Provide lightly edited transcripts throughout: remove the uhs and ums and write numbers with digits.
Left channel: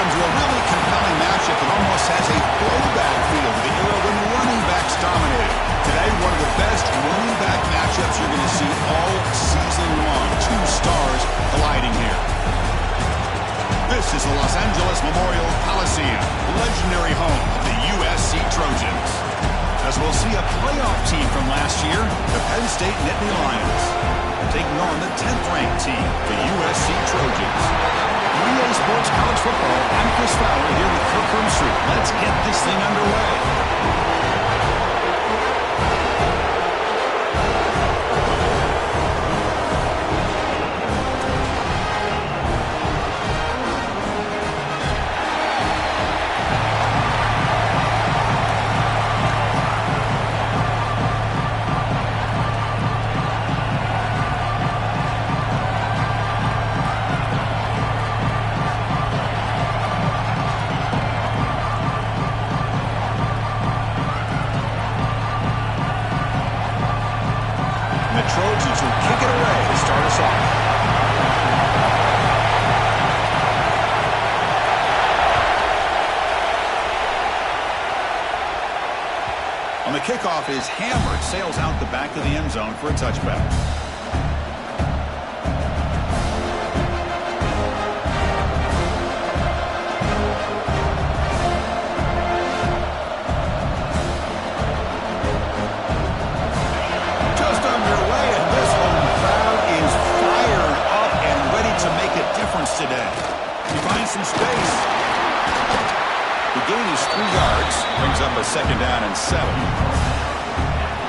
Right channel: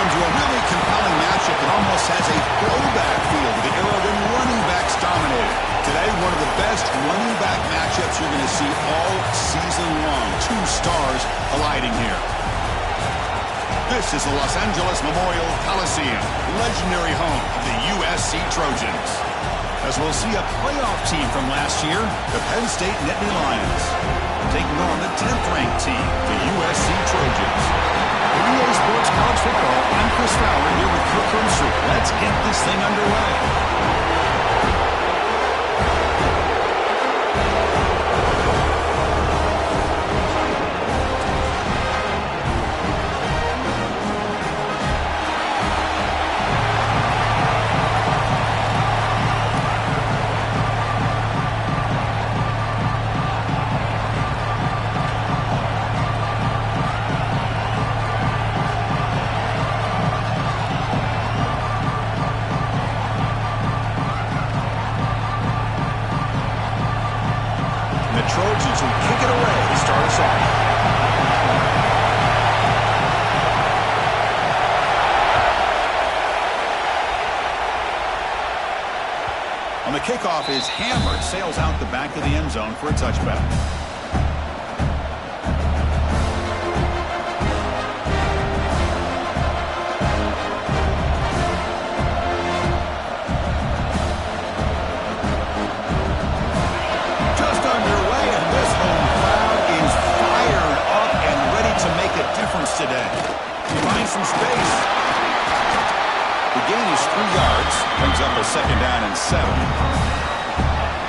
welcome to a really compelling matchup that almost has a throwback feel to the era when running backs dominated. Today, one of the best running back matchups you're going to see all season long. Two stars colliding here. This is the Los Angeles Memorial Coliseum, legendary home of the USC Trojans. As we'll see a playoff team from last year, the Penn State Nittany Lions, taking on the 10th-ranked team, the USC Trojans. 3A Sports College Football, I'm Chris Fowler here with Kirk Hermstreet. Let's get this thing underway. Trojans will kick it away to start us off. On the kickoff is hammered, sails out the back of the end zone for a touchback. Today. He finds some space. The gain is 3 yards. Brings up a 2nd down and 7.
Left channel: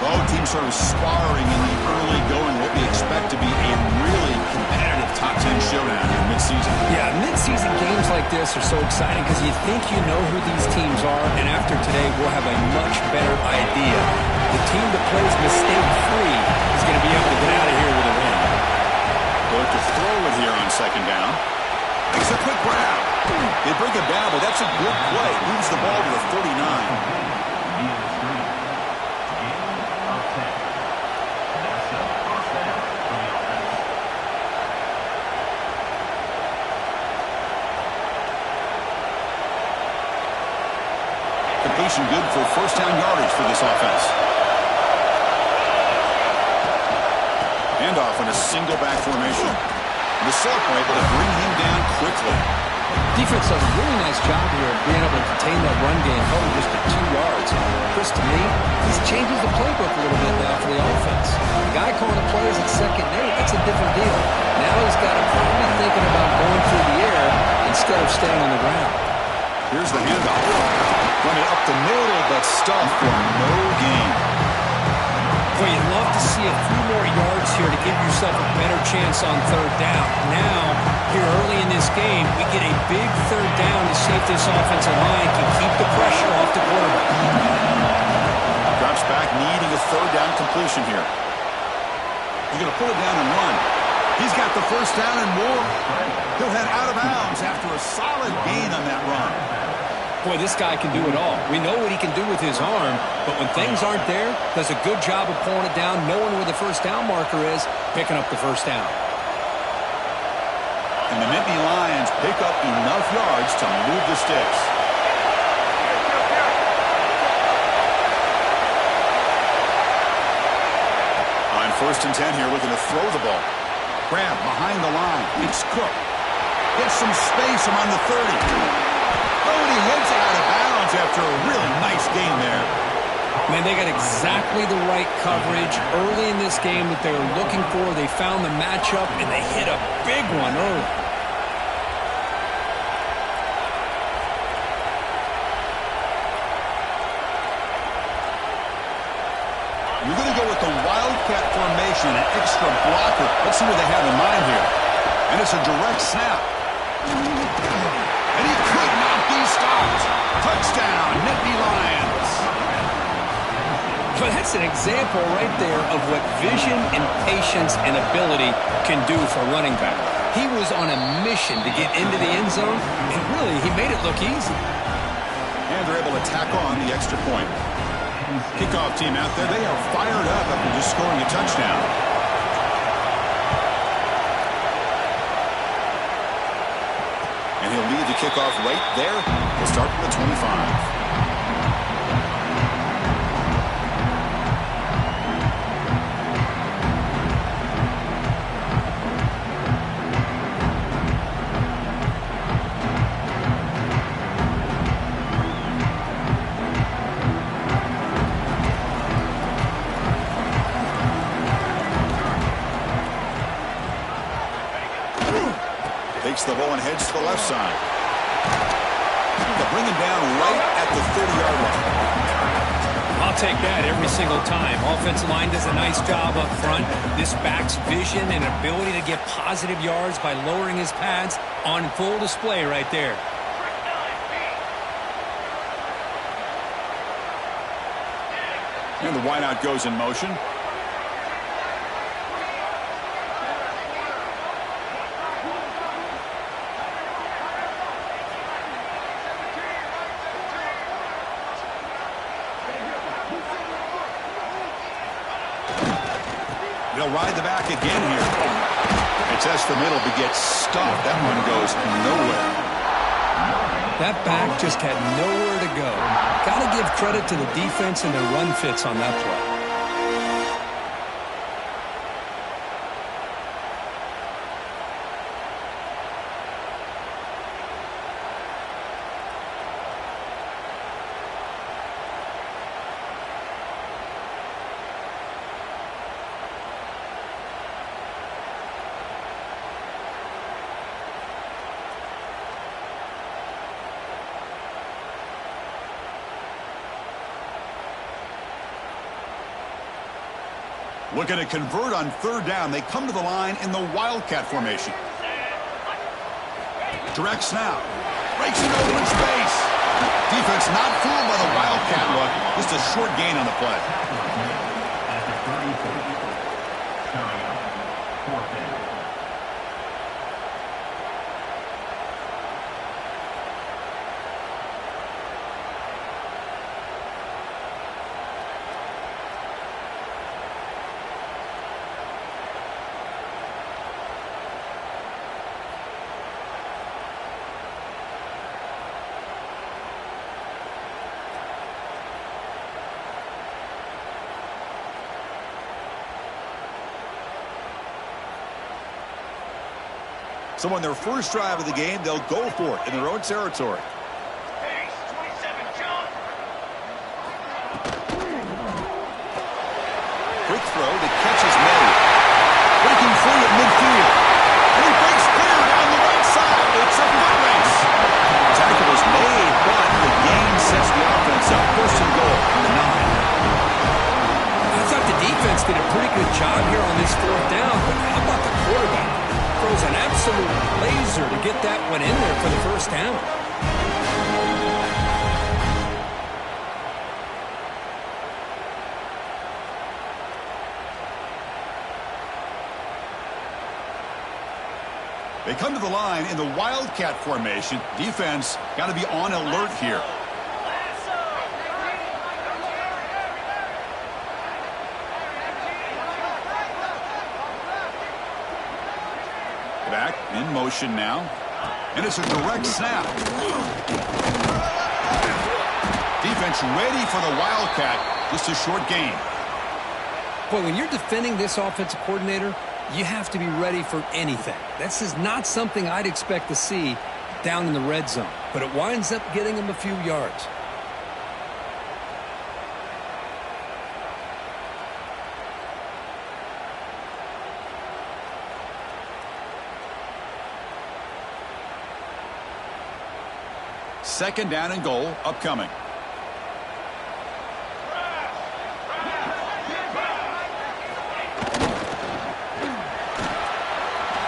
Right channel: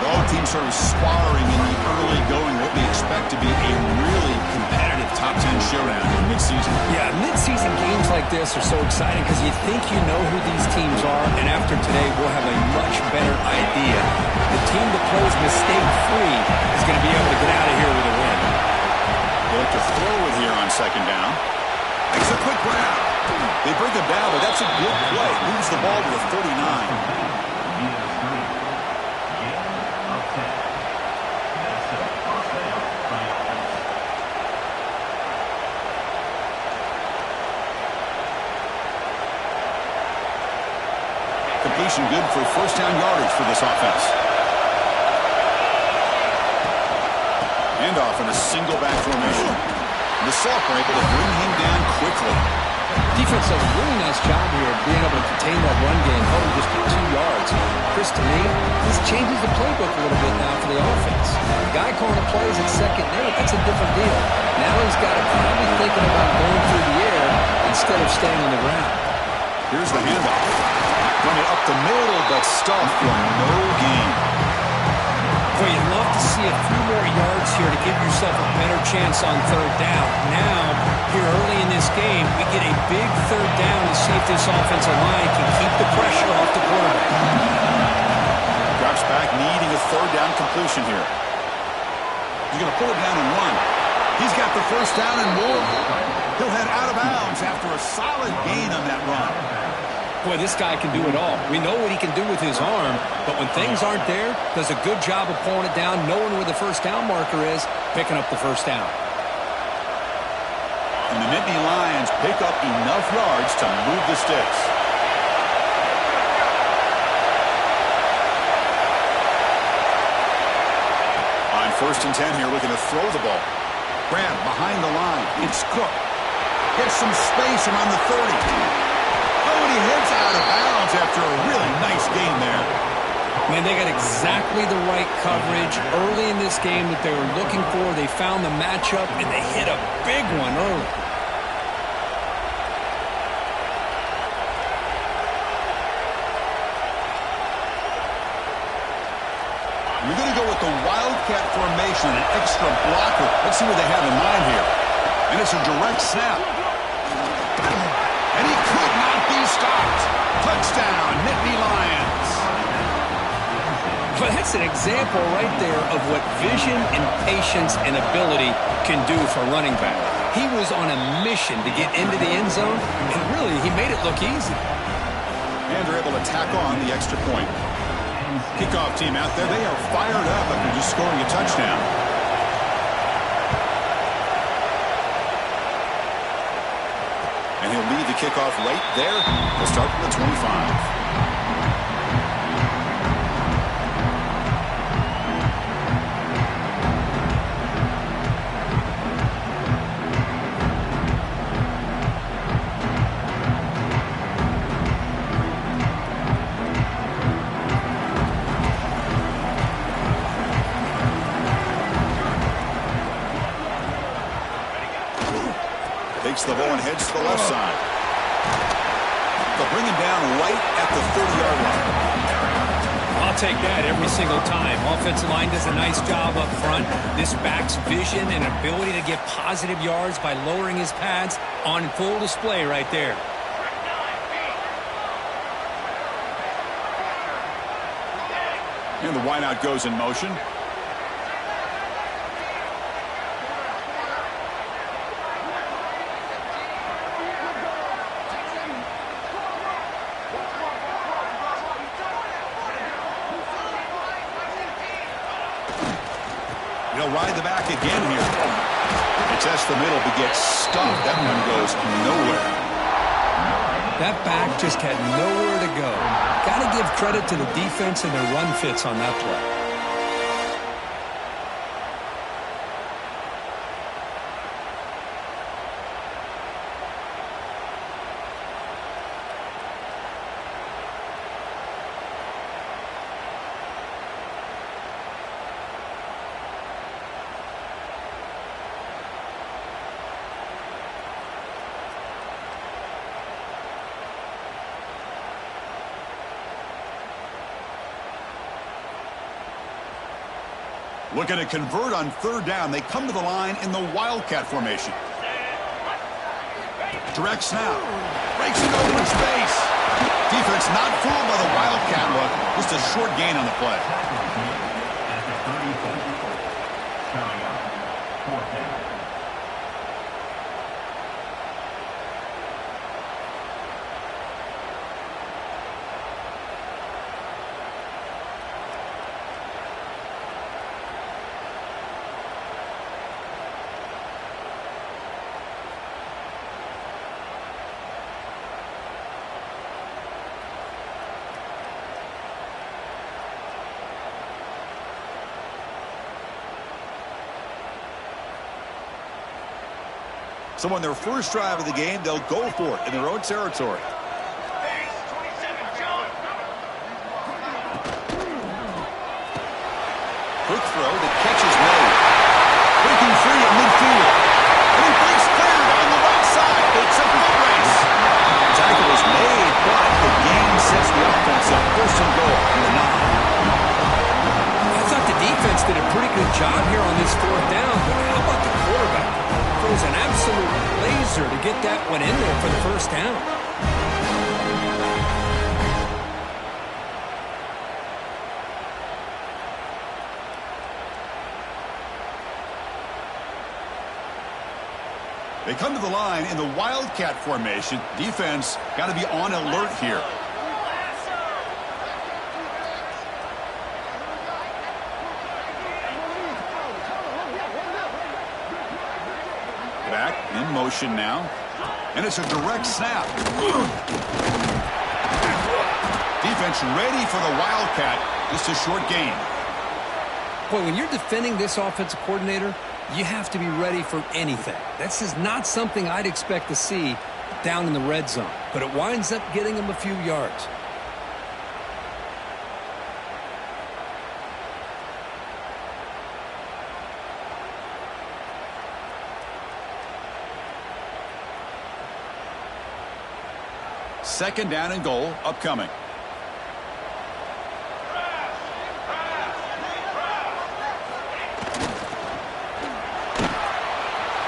Both teams sort of sparring in the early going. What we expect to be a really competitive top 10 showdown in midseason. Yeah, midseason games like this are so exciting because you think you know who these teams are, and after today we'll have a much better idea. The team that plays mistake-free is going to be able to get out of here with a win. Look to throw it here on 2nd down. Makes a quick grab. They bring him down, but that's a good play. Moves the ball to the 39. Completion good for 1st down yardage for this offense. Handoff in a single back formation. The Sulphur able to bring him down quickly. Defense does a really nice job here of being able to contain that run game, held him just at 2 yards. Chris, to me, this changes the playbook a little bit now for the offense. The guy calling the plays at 2nd and 8, that's a different deal. Now he's got to probably thinking about going through the air instead of staying on the ground. Here's the handoff. Run it up the middle, but stuffed for no gain. Well, you'd love to see a few more yards here to give yourself a better chance on 3rd down. Now, here early in this game, we get a big 3rd down to see if this offensive line can keep the pressure off the quarterback. Drops back, needing a 3rd down completion here. He's going to pull it down and run. He's got the 1st down and more. He'll head out of bounds after a solid gain on that run. Boy, this guy can do it all. We know what he can do with his arm, but when things aren't there, does a good job of pulling it down, knowing where the 1st down marker is, picking up the 1st down. And the Nittany Lions pick up enough yards to move the sticks. On 1st and 10 here, looking to throw the ball. Grab behind the line. It's Cook. Gets some space around the 30. Oh, and he heads out of bounds after a really nice gain there. Man, they got exactly the right coverage early in this game that they were looking for. They found the matchup, and they hit a big one early. You're going to go with the Wildcat formation, an extra blocker. Let's see what they have in mind here. And it's a direct snap. And he could not be stopped. Touchdown, Nittany Lions. Well, that's an example right there of what vision and patience and ability can do for a running back. He was on a mission to get into the end zone, and really, he made it look easy. And they're able to tack on the extra point. Kickoff team out there, they are fired up after just scoring a touchdown. And And he'll lead the kickoff right there. We'll start from the 25. Takes the ball and heads to the left side. They'll bring him down right at the 30-yard line. I'll take that every single time. Offensive line does a nice job up front. This back's vision and ability to get positive yards by lowering his pads on full display right there. And the wideout goes in motion. He'll ride the back again here. It tests the middle, but gets stuffed. That one goes nowhere. That back just had nowhere to go. Got to give credit to the defense and their run fits on that play. Looking to convert on third down. They come to the line in the Wildcat formation. Direct snap. Breaks it open in space. Defense not fooled by the Wildcat look. Just a short gain on the play. At the 34. Coming up, fourth down. So on their first drive of the game, they'll go for it in their own territory. Quick throw, the catch is made. Breaking free at midfield. And he breaks clear down the right side. It's a foot race. The tackle is made, but the gain sets the offense up. First and goal from the 9. I thought the defense did a pretty good job here on this fourth down, but how about the quarterback? Throws an absolute laser to get that one in there for the first down. They come to the line in the Wildcat formation. Defense got to be on alert here. Back in motion now. And it's a direct snap. Defense ready for the Wildcat. Just a short gain. Boy, when you're defending this offensive coordinator, you have to be ready for anything. This is not something I'd expect to see down in the red zone, but it winds up getting him a few yards. Second down and goal upcoming.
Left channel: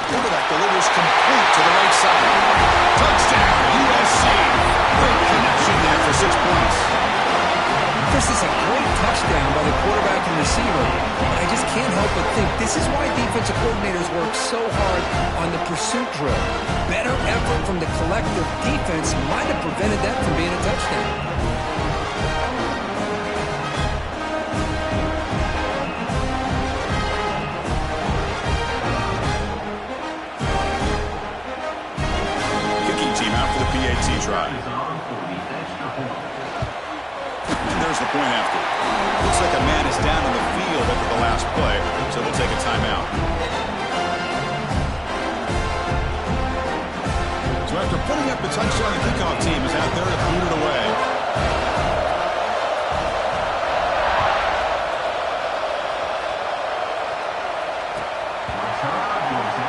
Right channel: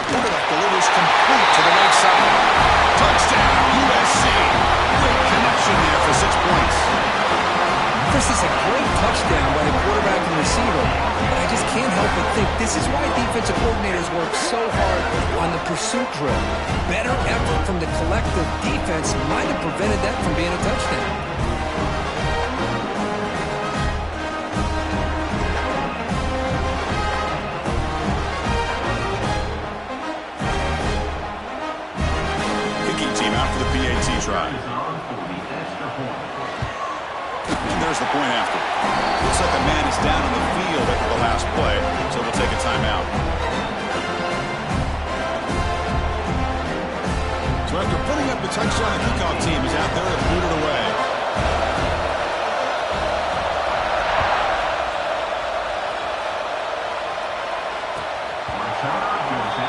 Quarterback delivers complete to the right side. Touchdown, USC. Great connection there for 6 points. This is a great touchdown by the quarterback and receiver, but I just can't help but think this is why defensive coordinators work so hard on the pursuit drill. Better effort from the collective defense might have prevented that from being a touchdown. passing try. Is on for the extra point. And there's the point after. Looks like a man is down on the field after the last play, so we'll take a timeout. So after putting up the touchdown, the kickoff team is out there to boot it away. Return goes in.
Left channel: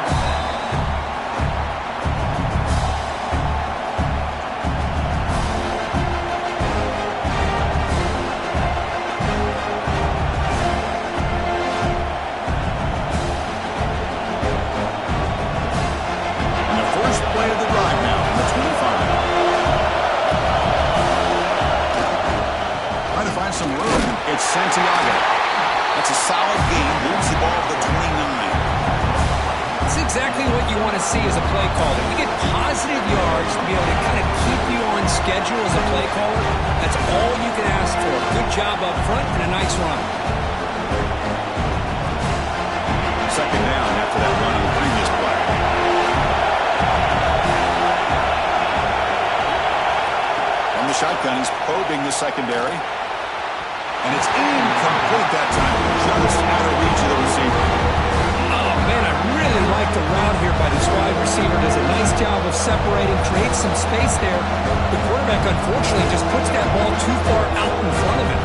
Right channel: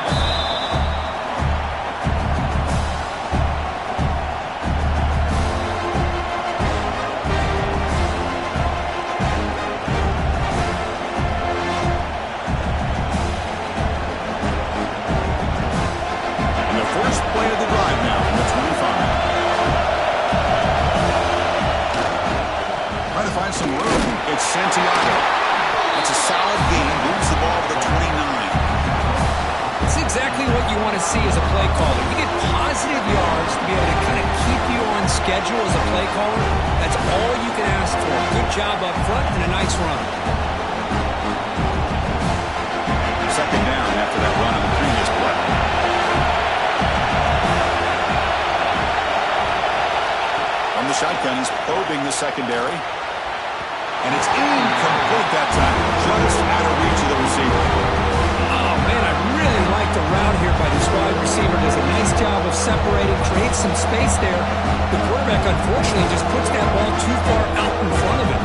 First play of the drive now from the 25. Trying to find some room. It's Santiago. That's a solid gain. Moves the ball to the 29. It's exactly what you want to see as a play caller. You get positive yards to be able to kind of keep you on schedule as a play caller. That's all you can ask for. Good job up front and a nice run. Second down after that run on the previous play. From the shotgun, he's probing the secondary. And it's incomplete that time. Just out of reach of the receiver. Oh, man, I really like the route here by this wide receiver. Does a nice job of separating, creates some space there. The quarterback, unfortunately, just puts that ball too far out in front of him.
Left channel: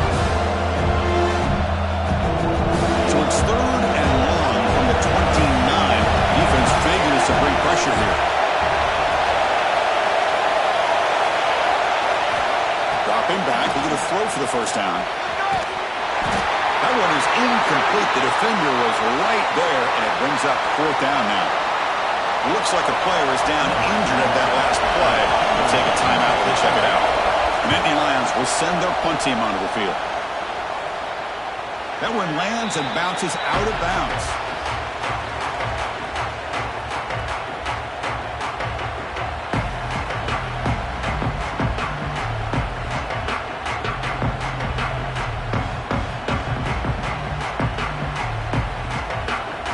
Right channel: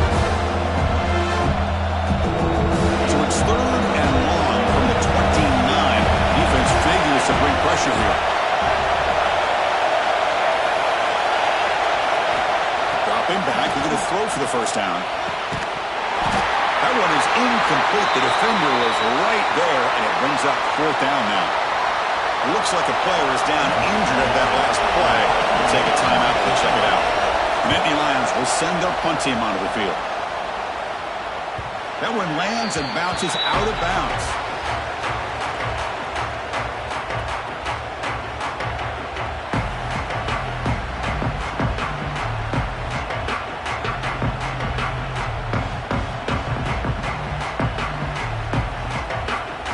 So it's third and long from the 29. Defense figures to bring pressure here. Dropping back, he's going to throw for the first down. That one is incomplete. The defender was right there, and it brings up fourth down now. Looks like a player is down injured at that last play. We'll take a timeout while they check it out. And Nittany Lions will send their punt team onto the field. That one lands and bounces out of bounds.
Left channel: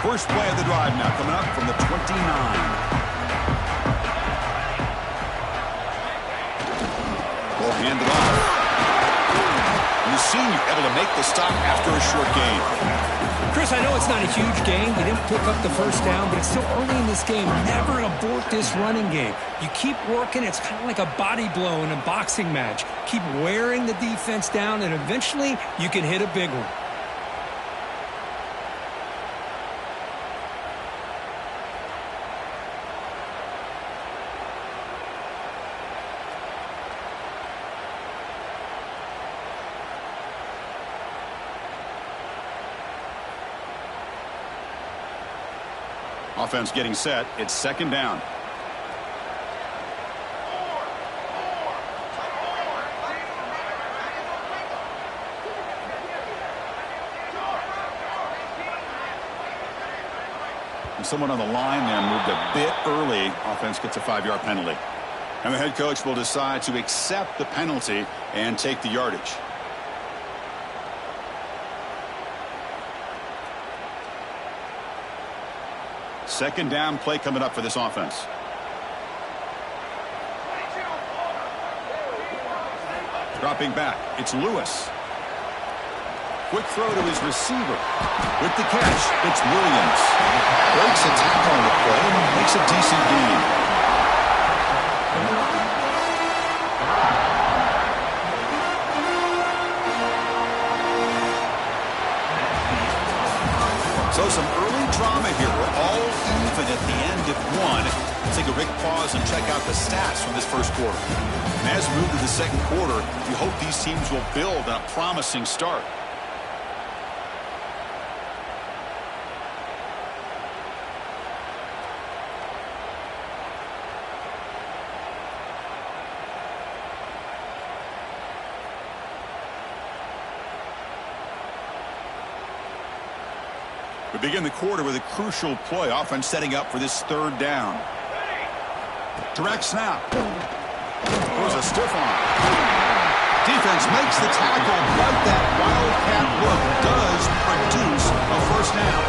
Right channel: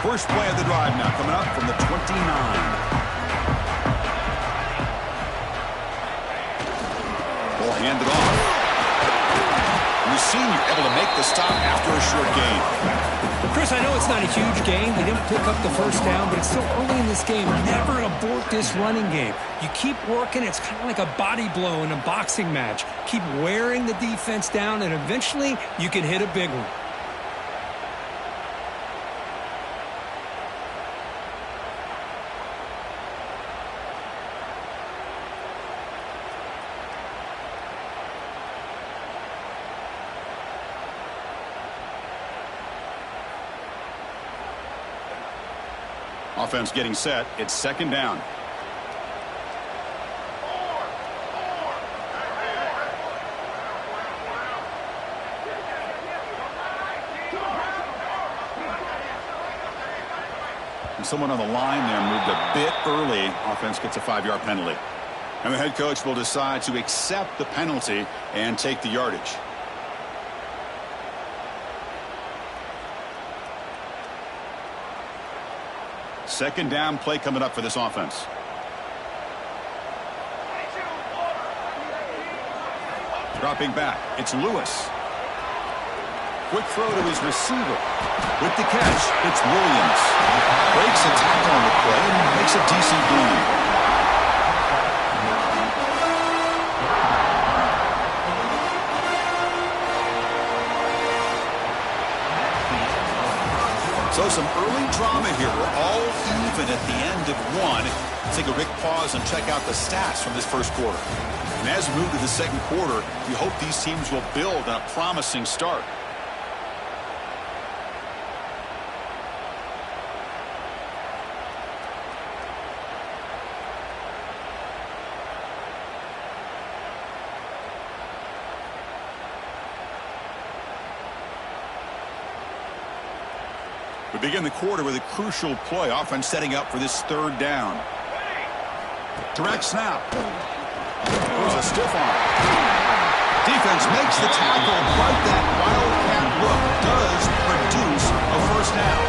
First play of the drive now coming up from the 29. Ball handed off. And the senior able to make the stop after a short gain. Chris, I know it's not a huge gain. They didn't pick up the first down, but it's still early in this game. Never abort this running game. You keep working. It's kind of like a body blow in a boxing match. Keep wearing the defense down, and eventually you can hit a big one. Offense getting set. It's second down. And someone on the line there moved a bit early. Offense gets a 5-yard penalty. And the head coach will decide to accept the penalty and take the yardage. Second down play coming up for this offense. Dropping back, it's Lewis. Quick throw to his receiver. With the catch, it's Williams. Breaks a tackle on the play and makes a decent gain. So some early drama here. We're all even at the end of one. Let's take a quick pause and check out the stats from this first quarter. And as we move to the second quarter, we hope these teams will build on a promising start. We begin the quarter with a crucial play. Offense setting up for this third down. Direct snap. There's a stiff arm. Defense makes the tackle, but that wildcat look does produce a first down.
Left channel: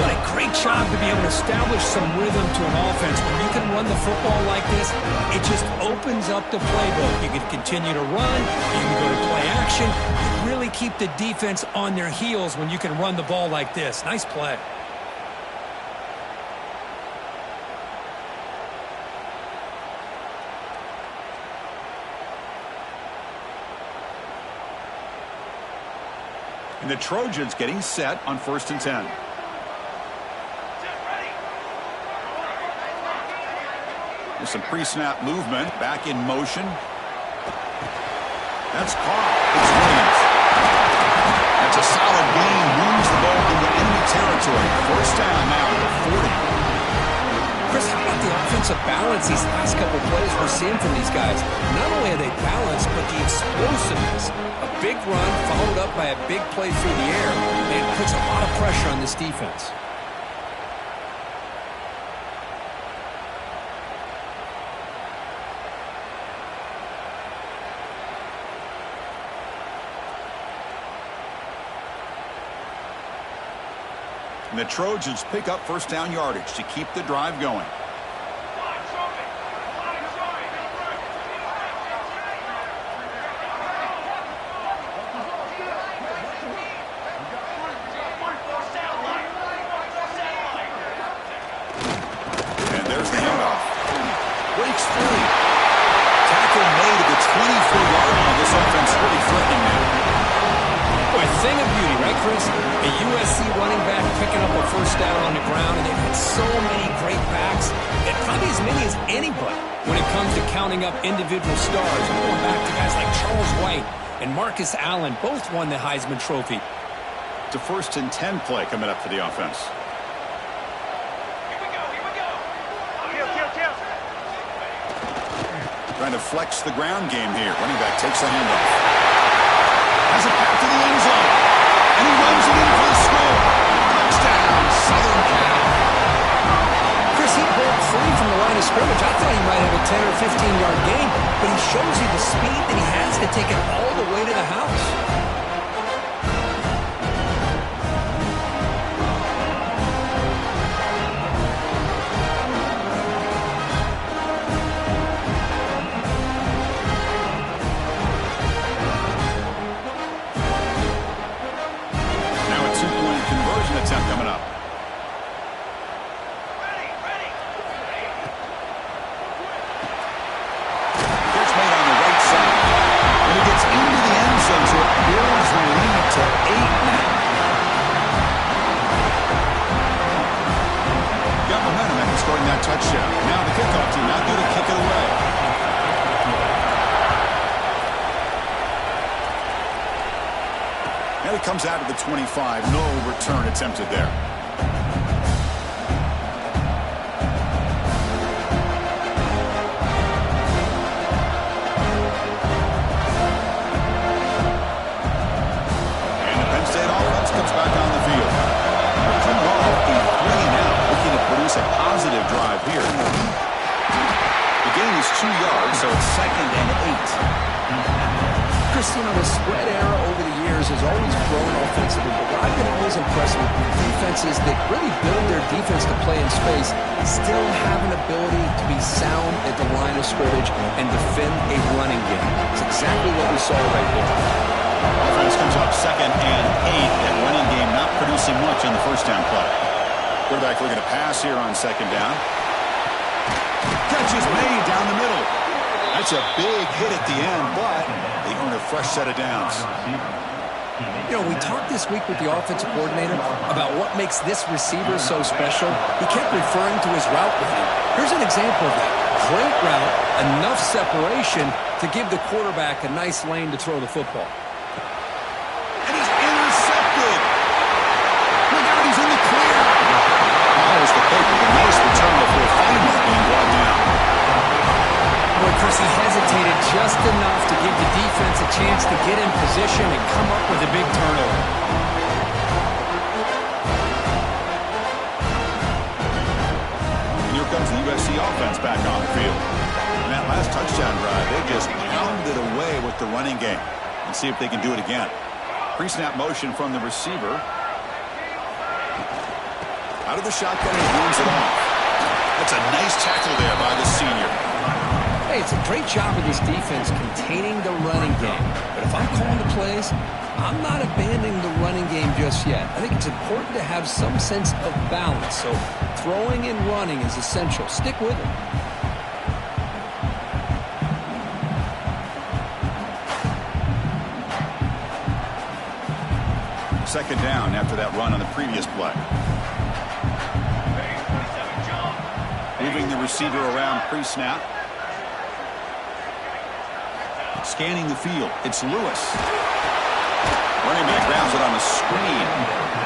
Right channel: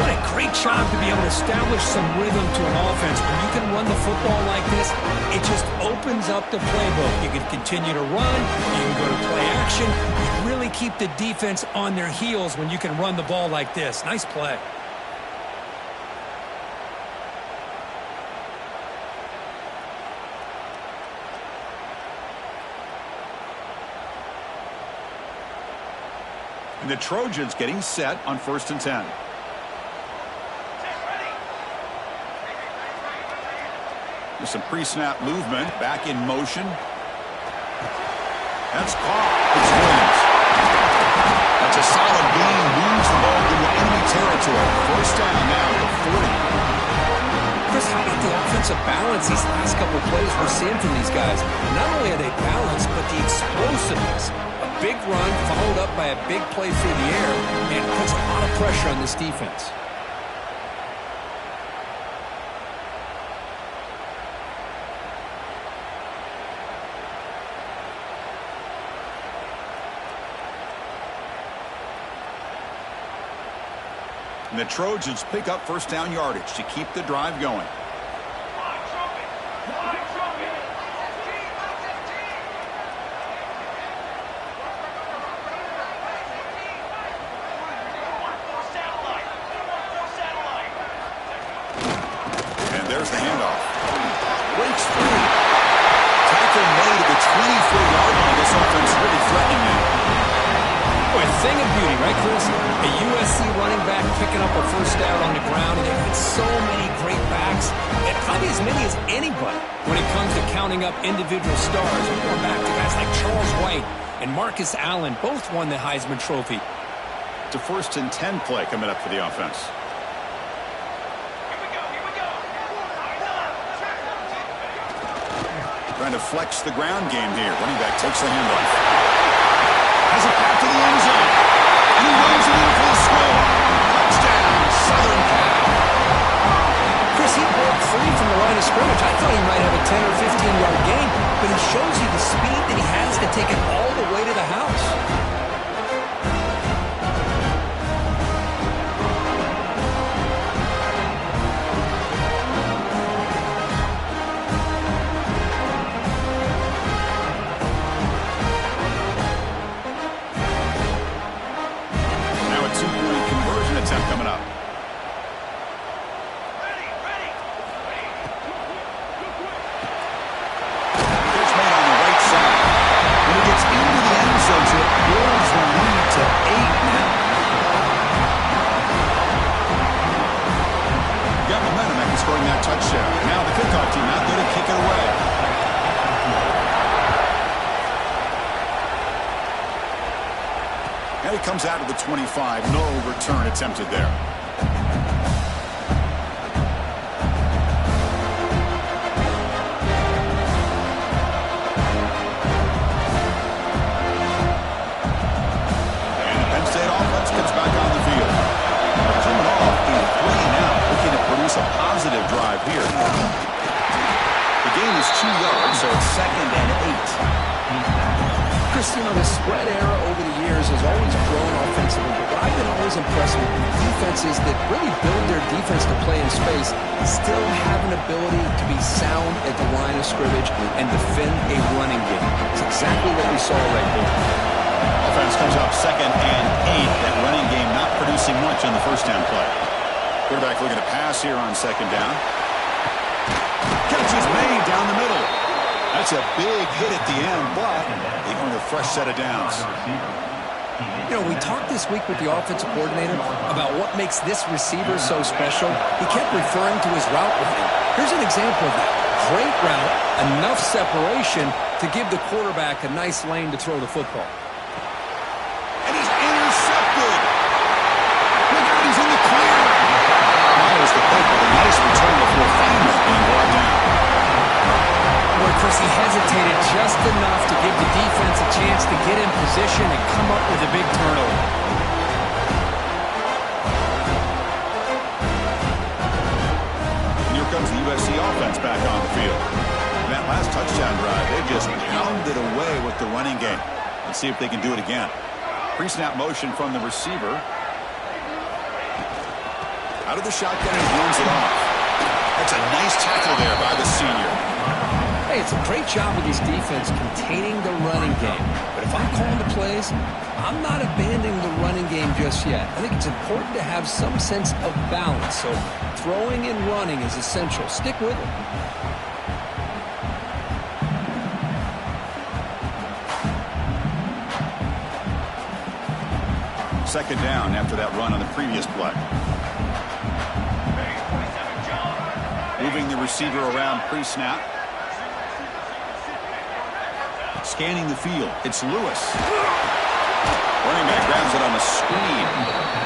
What a great job to be able to establish some rhythm to an offense. When you can run the football like this, it just opens up the playbook. You can continue to run. You can go to play action. You really keep the defense on their heels when you can run the ball like this. Nice play. And the Trojans getting set on 1st and 10. There's some pre-snap movement. Back in motion. That's caught. It's Williams. That's a solid gain. Moves the ball into enemy territory. 1st down now at the 40. Chris, how about the offensive balance these last couple of plays we're seeing from these guys? Not only are they balanced, but the explosiveness. A big run followed up by a big play through the air, and it puts a lot of pressure on this defense. And the Trojans pick up 1st down yardage to keep the drive going. And there's the handoff. Breaks free. Tackle made at the 24-yard line. This offense really threatening now. Boy, a thing of beauty, right, Chris? A USC running back picking up a 1st down on the ground, and they've had so many great backs, and probably as many as anybody when it comes to counting up individual stars. I'm going back to guys like Charles White and Marcus Allen, both won the Heisman Trophy. It's a 1st and 10 play coming up for the offense. Here we go. Trying to flex the ground game here. Running back takes the handoff. Has a path to the end zone. And he runs it in for the score. Touchdown, Southern Cal. Chris, he broke free from the line of scrimmage. I thought he might have a 10 or 15-yard gain, but he shows you the speed that he has to take it all the way to the house. Attempt coming up. Catch made on the right side. When he gets into the end zone, so it builds the lead to 8 now. Got momentum after scoring that touchdown. Now the kickoff team out there to kick it away. And it comes out of the 25. No return attempted there. And the Penn State offense comes back on the field. They're coming off a 3-and-out, looking to produce a positive drive here. The gain is 2 yards, so it's 2nd and 8. Chris, you know, the spread era over the years has always grown offensively, but what I've been always impressed with defenses that really build their defense to play in space still have an ability to be sound at the line of scrimmage and defend a running game. It's exactly what we saw right there. Offense comes up 2nd and 8. That running game not producing much on the 1st down play. Quarterback looking to pass here on 2nd down. Catch is made down the middle. That's a big hit at the end, but they earn a fresh set of downs. You know, we talked this week with the offensive coordinator about what makes this receiver so special. He kept referring to his route running. Here's an example of that. Great route, enough separation to give the quarterback a nice lane to throw the football. And he's intercepted. Look out, he's in the clear. Follows the pick with a nice return before finally being brought down. Boy, Chris, he hesitated just enough to give the defense a chance to get in position and come up with a big turnover. And here comes the USC offense back on the field. In that last touchdown drive, they just pounded away with the running game. Let's see if they can do it again. Pre-snap motion from the receiver. Out of the shotgun and hands it off. That's a nice tackle there by the senior. Hey, it's a great job of this defense containing the running game. But if I'm calling the plays, I'm not abandoning the running game just yet. I think it's important to have some sense of balance. So throwing and running is essential. Stick with it. Second down after that run on the previous play. Moving the receiver around pre-snap. Scanning the field. It's Lewis. Running back grabs it on a screen.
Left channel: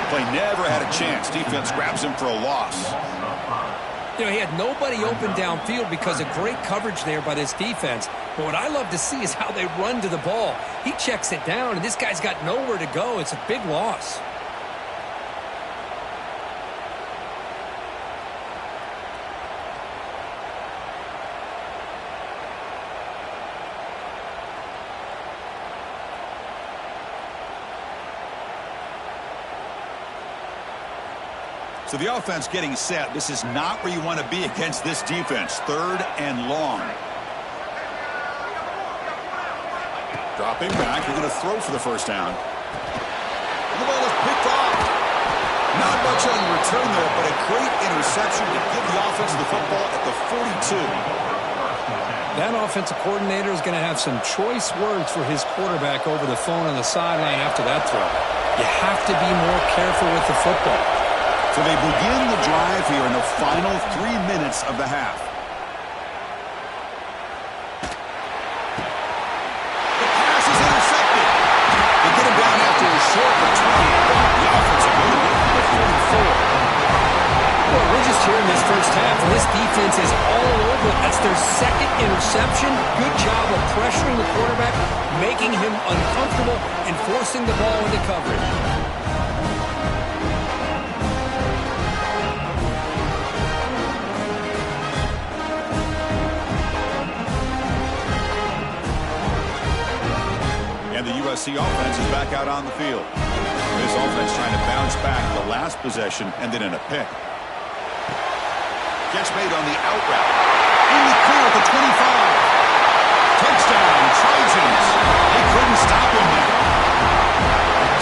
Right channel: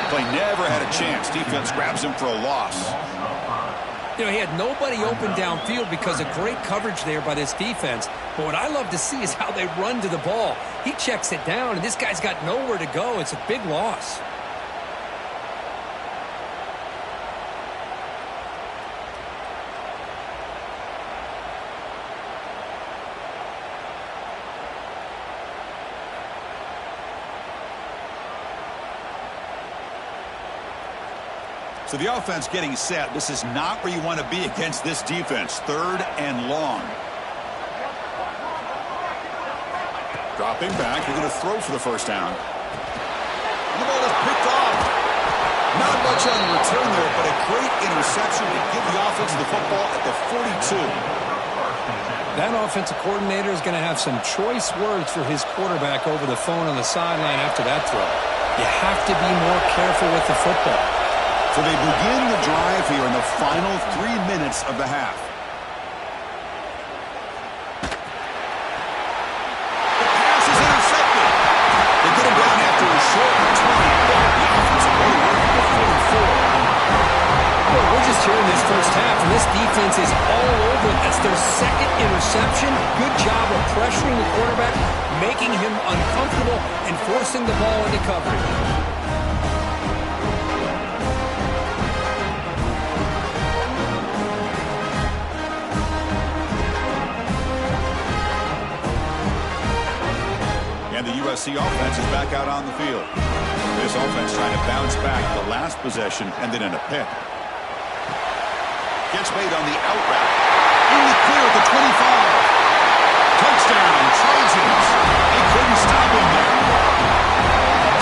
Play never had a chance. Defense grabs him for a loss. You know, he had nobody open downfield because of great coverage there by this defense. But what I love to see is how they run to the ball. He checks it down, and this guy's got nowhere to go. It's a big loss. So the offense getting set. This is not where you want to be against this defense. Third and long. Dropping back. They're going to throw for the first down. And the ball is picked off. Not much on return there, but a great interception to give the offense the football at the 42. That offensive coordinator is going to have some choice words for his quarterback over the phone on the sideline after that throw. You have to be more careful with the football. So they begin the drive here in the final 3 minutes of the half. The pass is intercepted. They get him down after a short return, but the offensive way to work the 44. Well, we're just here in this first half, and this defense is all over it. That's their second interception. Good job of pressuring the quarterback, making him uncomfortable, and forcing the ball into coverage. And the USC offense is back out on the field. This offense trying to bounce back the last possession and then in a pick. Catch made on the out route. In the clear at the 25. Touchdown, Trojans. They couldn't stop him there.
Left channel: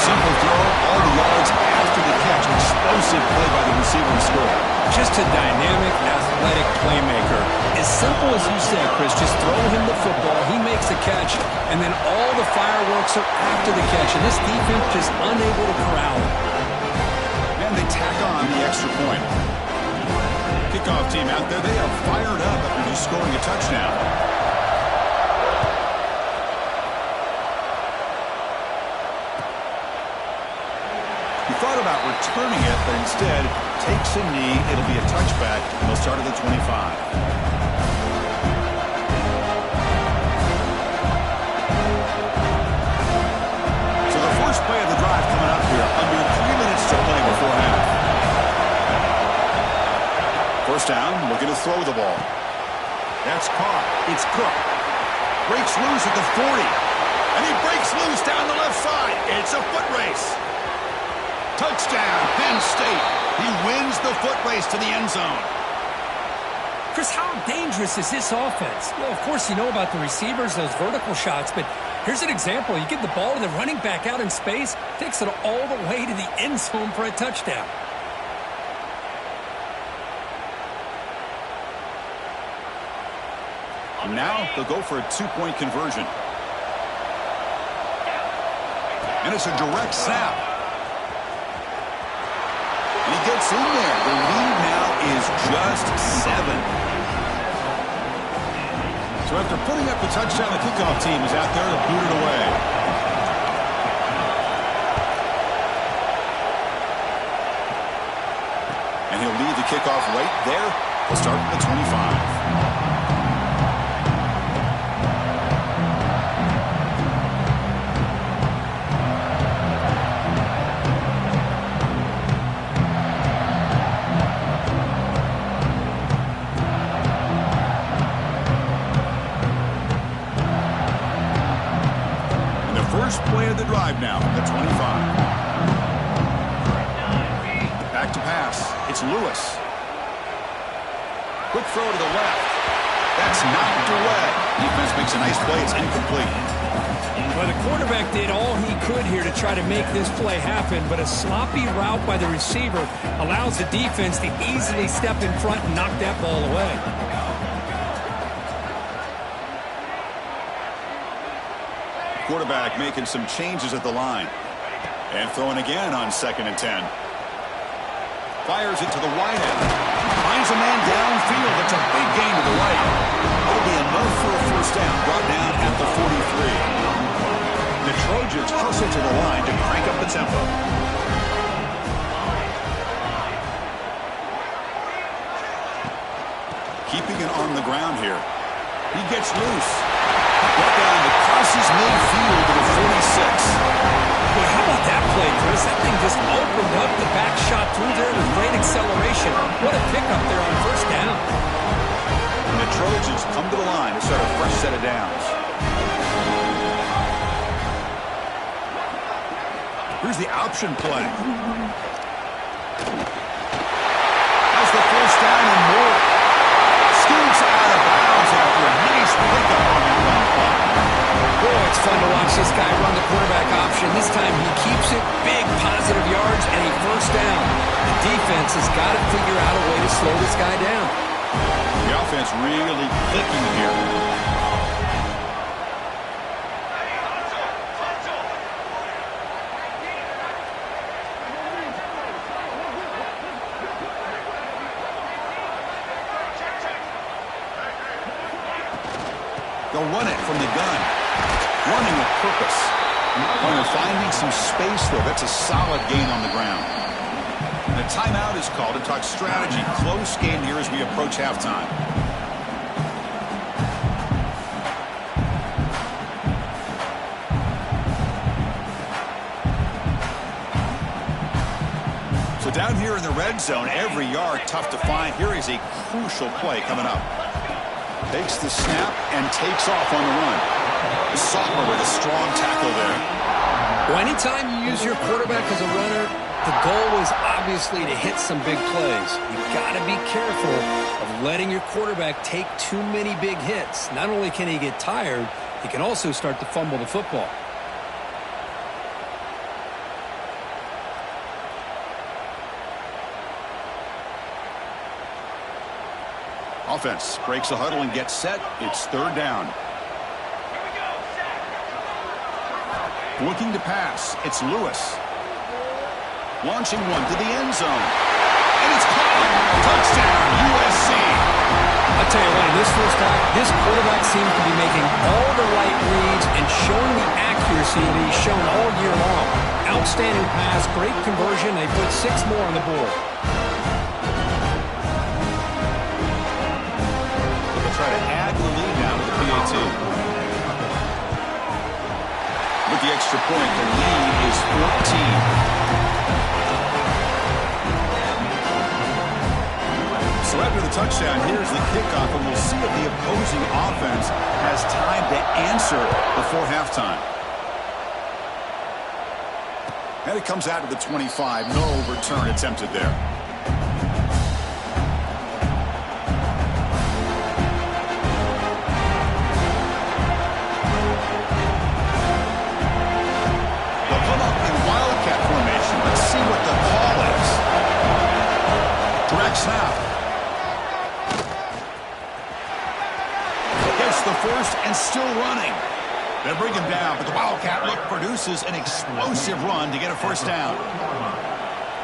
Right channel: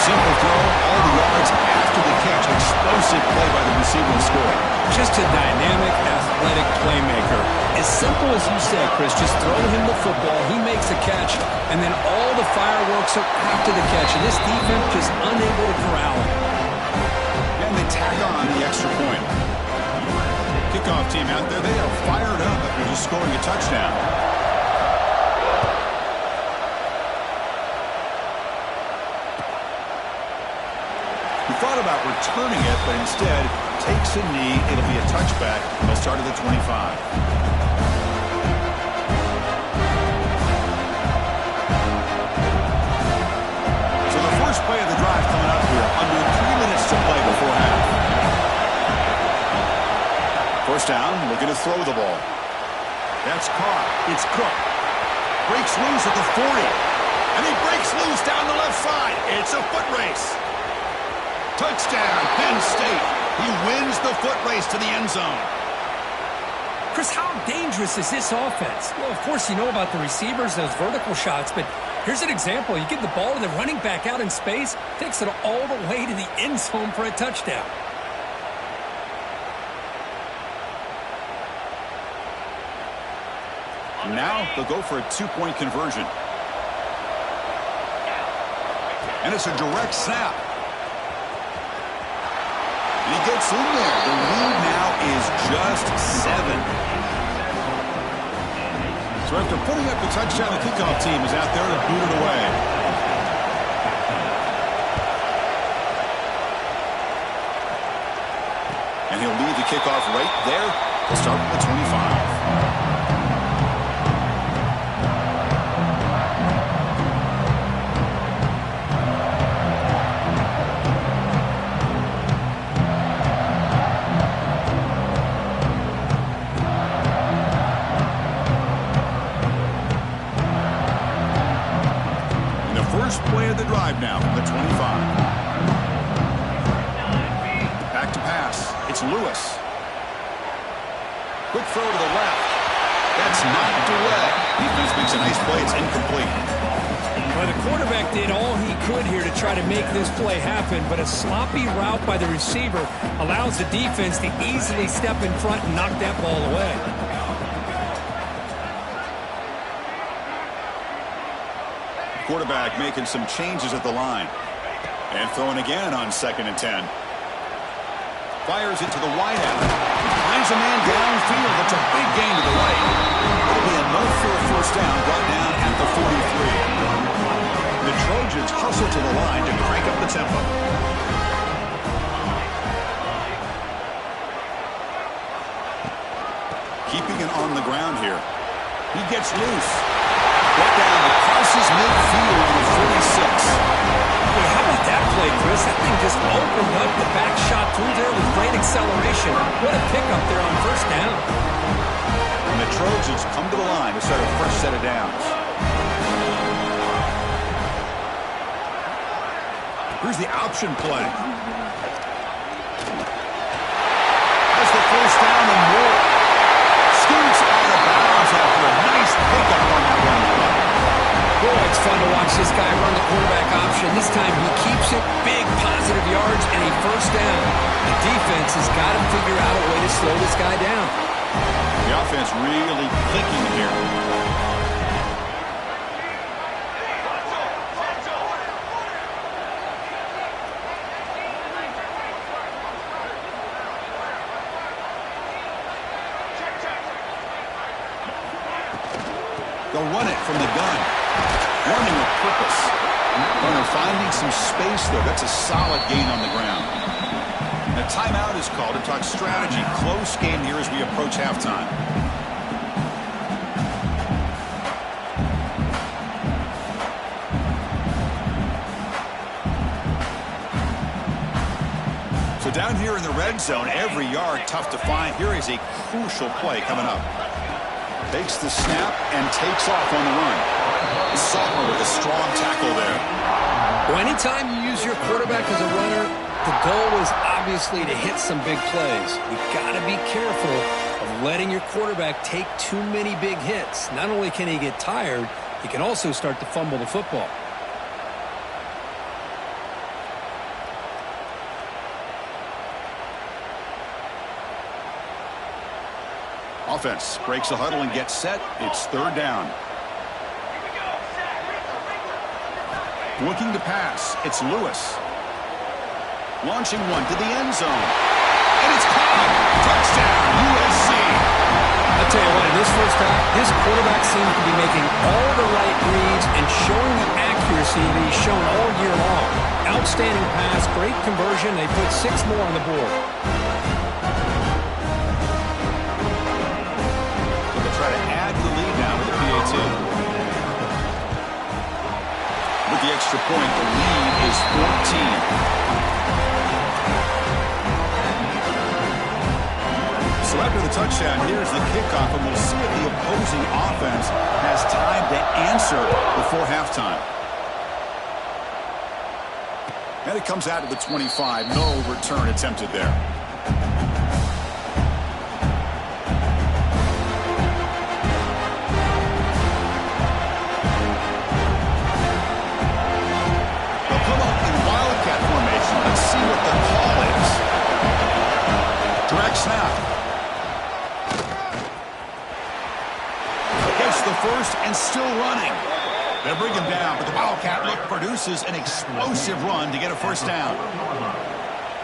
Simple throw, all the yards after the catch. Explosive play by the receiver to score. Just a dynamic, athletic playmaker. As simple as you said, Chris, just throw him the football, he makes a catch, and then all the fireworks are after the catch. And this defense just unable to corral him. And they tack on the extra point. Kickoff team out there, they are fired up after just scoring a touchdown. He thought about returning it, but instead takes a knee. It'll be a touchback, and they'll start at the 25. So the first play of the drive coming up here, under 3 minutes to play before half. First down, looking to throw the ball. That's caught. It's Cook. Breaks loose at the 40. And he breaks loose down the left side. It's a foot race. Touchdown, Penn State. He wins the foot race to the end zone. Chris, how dangerous is this offense? Well, of course, you know about the receivers, those vertical shots, but here's an example. You give the ball to the running back out in space, takes it all the way to the end zone for a touchdown. Now they'll go for a two-point conversion. And it's a direct snap. And he gets in there. The lead now is just 7. So after putting up the touchdown, the kickoff team is out there to boot it away. And he'll lead the kickoff right there. He'll start from the 25. First play of the drive now from the 25. Back to pass. It's Lewis. Quick throw to the left. That's knocked away. Defense makes a nice play. It's incomplete. Well, the quarterback did all he could here to try to make this play happen, but a sloppy route by the receiver allows the defense to easily step in front and knock that ball away. Quarterback making some changes at the line. And throwing again on 2nd and 10. Fires it to the wideout. Finds a man downfield. That's a big gain to the right. It'll be enough for a first down, brought down at the 43. The Trojans hustle to the line to crank up the tempo. Keeping it on the ground here. He gets loose. Brought down that crosses midfield to the 46. Boy, how about that play, Chris? That thing just opened up the back shot through there with great acceleration. What a pickup there on first down. And the Trojans come to the line to start a fresh set of downs. Here's the option play. Has the first down and more. Scoots out of bounds after a nice pickup on that run play. Boy, it's fun to watch this guy run the quarterback option. This time he keeps it, big positive yards, and a first down. The defense has got to figure out a way to slow this guy down. The offense really clicking here. They'll run it from the gun. Running with purpose. When they're finding some space there, that's a solid gain on the ground. And a timeout is called to talk strategy. Close game here as we approach halftime. So down here in the red zone, every yard tough to find. Here is a crucial play coming up. Takes the snap and takes off on the run. Sophomore with a strong tackle there. Well, anytime you use your quarterback as a runner, the goal is obviously to hit some big plays. You've got to be careful of letting your quarterback take too many big hits. Not only can he get tired, he can also start to fumble the football. Offense breaks the huddle and gets set. It's 3rd down. Here we go. Set. Looking to pass. It's Lewis. Launching one to the end zone. And it's caught. Touchdown, USC. I tell you what, in this first half, this quarterback seems to be making all the right reads and showing the accuracy that he's shown all year long. Outstanding pass, great conversion. They put 6 more on the board. Try to add to the lead now with the PAT. With the extra point, the lead is 14. So after the touchdown, here's the kickoff, and we'll see if the opposing offense has time to answer before halftime. And it comes out to the 25. No return attempted there. Come up in wildcat formation. Let's see what the call is. Direct snap. Gets the first and still running. They bring him down, but the wildcat look produces an explosive run to get a first down.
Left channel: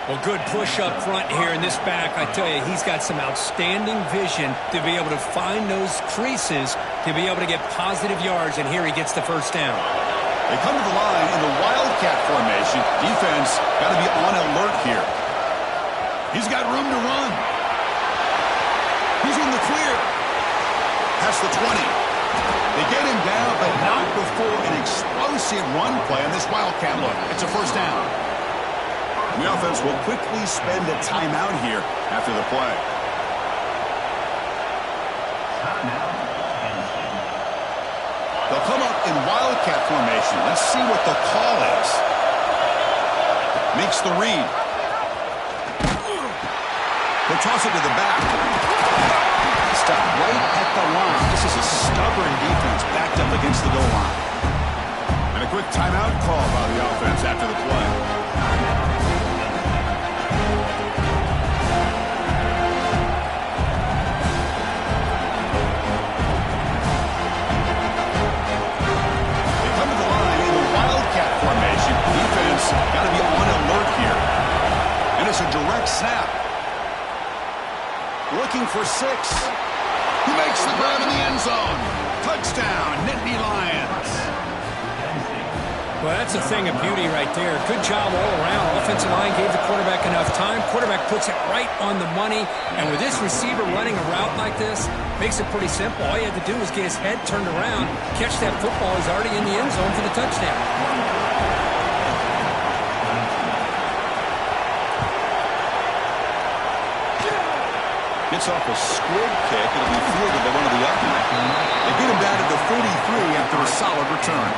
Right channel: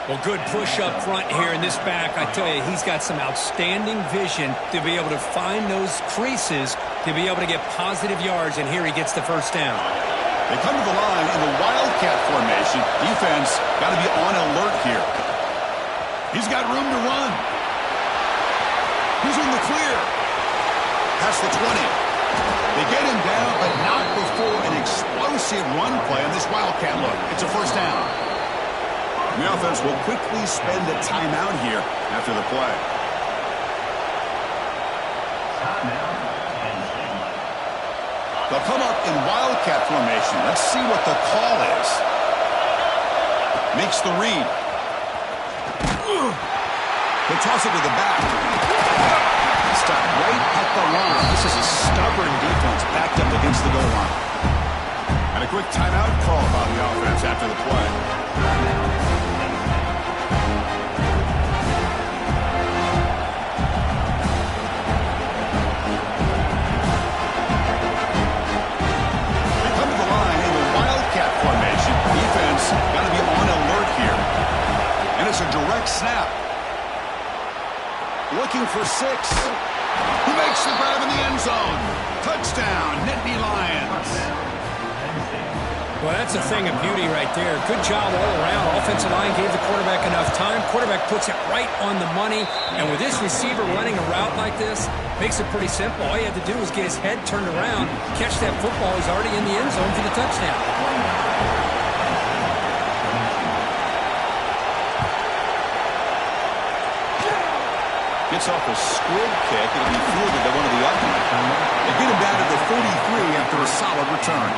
Well, good push up front here in this back. I tell you, he's got some outstanding vision to be able to find those creases to be able to get positive yards, and here he gets the first down. They come to the line in the wildcat formation. Defense got to be on alert here. He's got room to run. He's in the clear. Past the 20. They get him down, but not before an explosive run play on this wildcat look. It's a first down. The offense will quickly spend a timeout here after the play. They'll come up in wildcat formation. Let's see what the call is. Makes the read. He'll toss it to the back. Stop right at the line. This is a stubborn defense backed up against the goal line. And a quick timeout call by the offense after the play. Formation. Defense got to be on alert here. And it's a direct snap. Looking for 6. He makes the grab in the end zone. Touchdown, Nittany Lions. Well, that's a thing of beauty right there. Good job all around. Offensive line gave the quarterback enough time. Quarterback puts it right on the money. And with this receiver running a route like this, makes it pretty simple. All you had to do was get his head turned around, catch that football. He's already in the end zone for the touchdown. Gets off a squib kick. It'll be fielded by one of the upright. They get him down to the 43 after a solid return.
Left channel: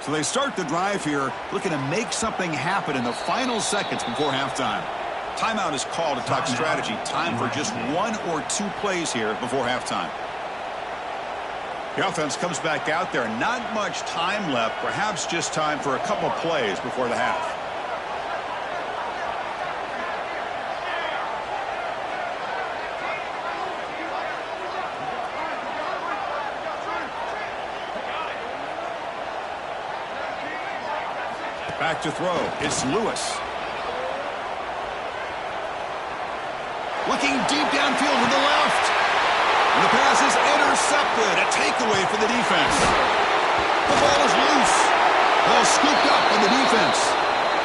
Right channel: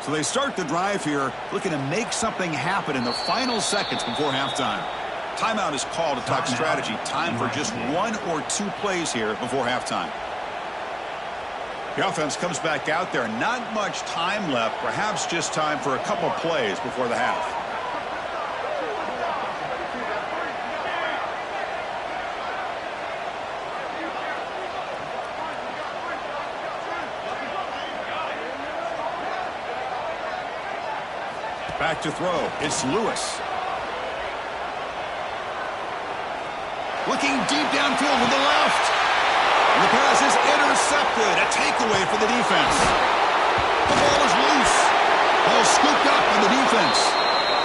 So they start the drive here, looking to make something happen in the final seconds before halftime. Timeout is called to talk strategy. Time for just 1 or 2 plays here before halftime. The offense comes back out there. Not much time left. Perhaps just time for a couple plays before the half. Back to throw. It's Lewis. Looking deep downfield with the left. And the pass is intercepted. A takeaway for the defense. The ball is loose. Ball scooped up by the defense.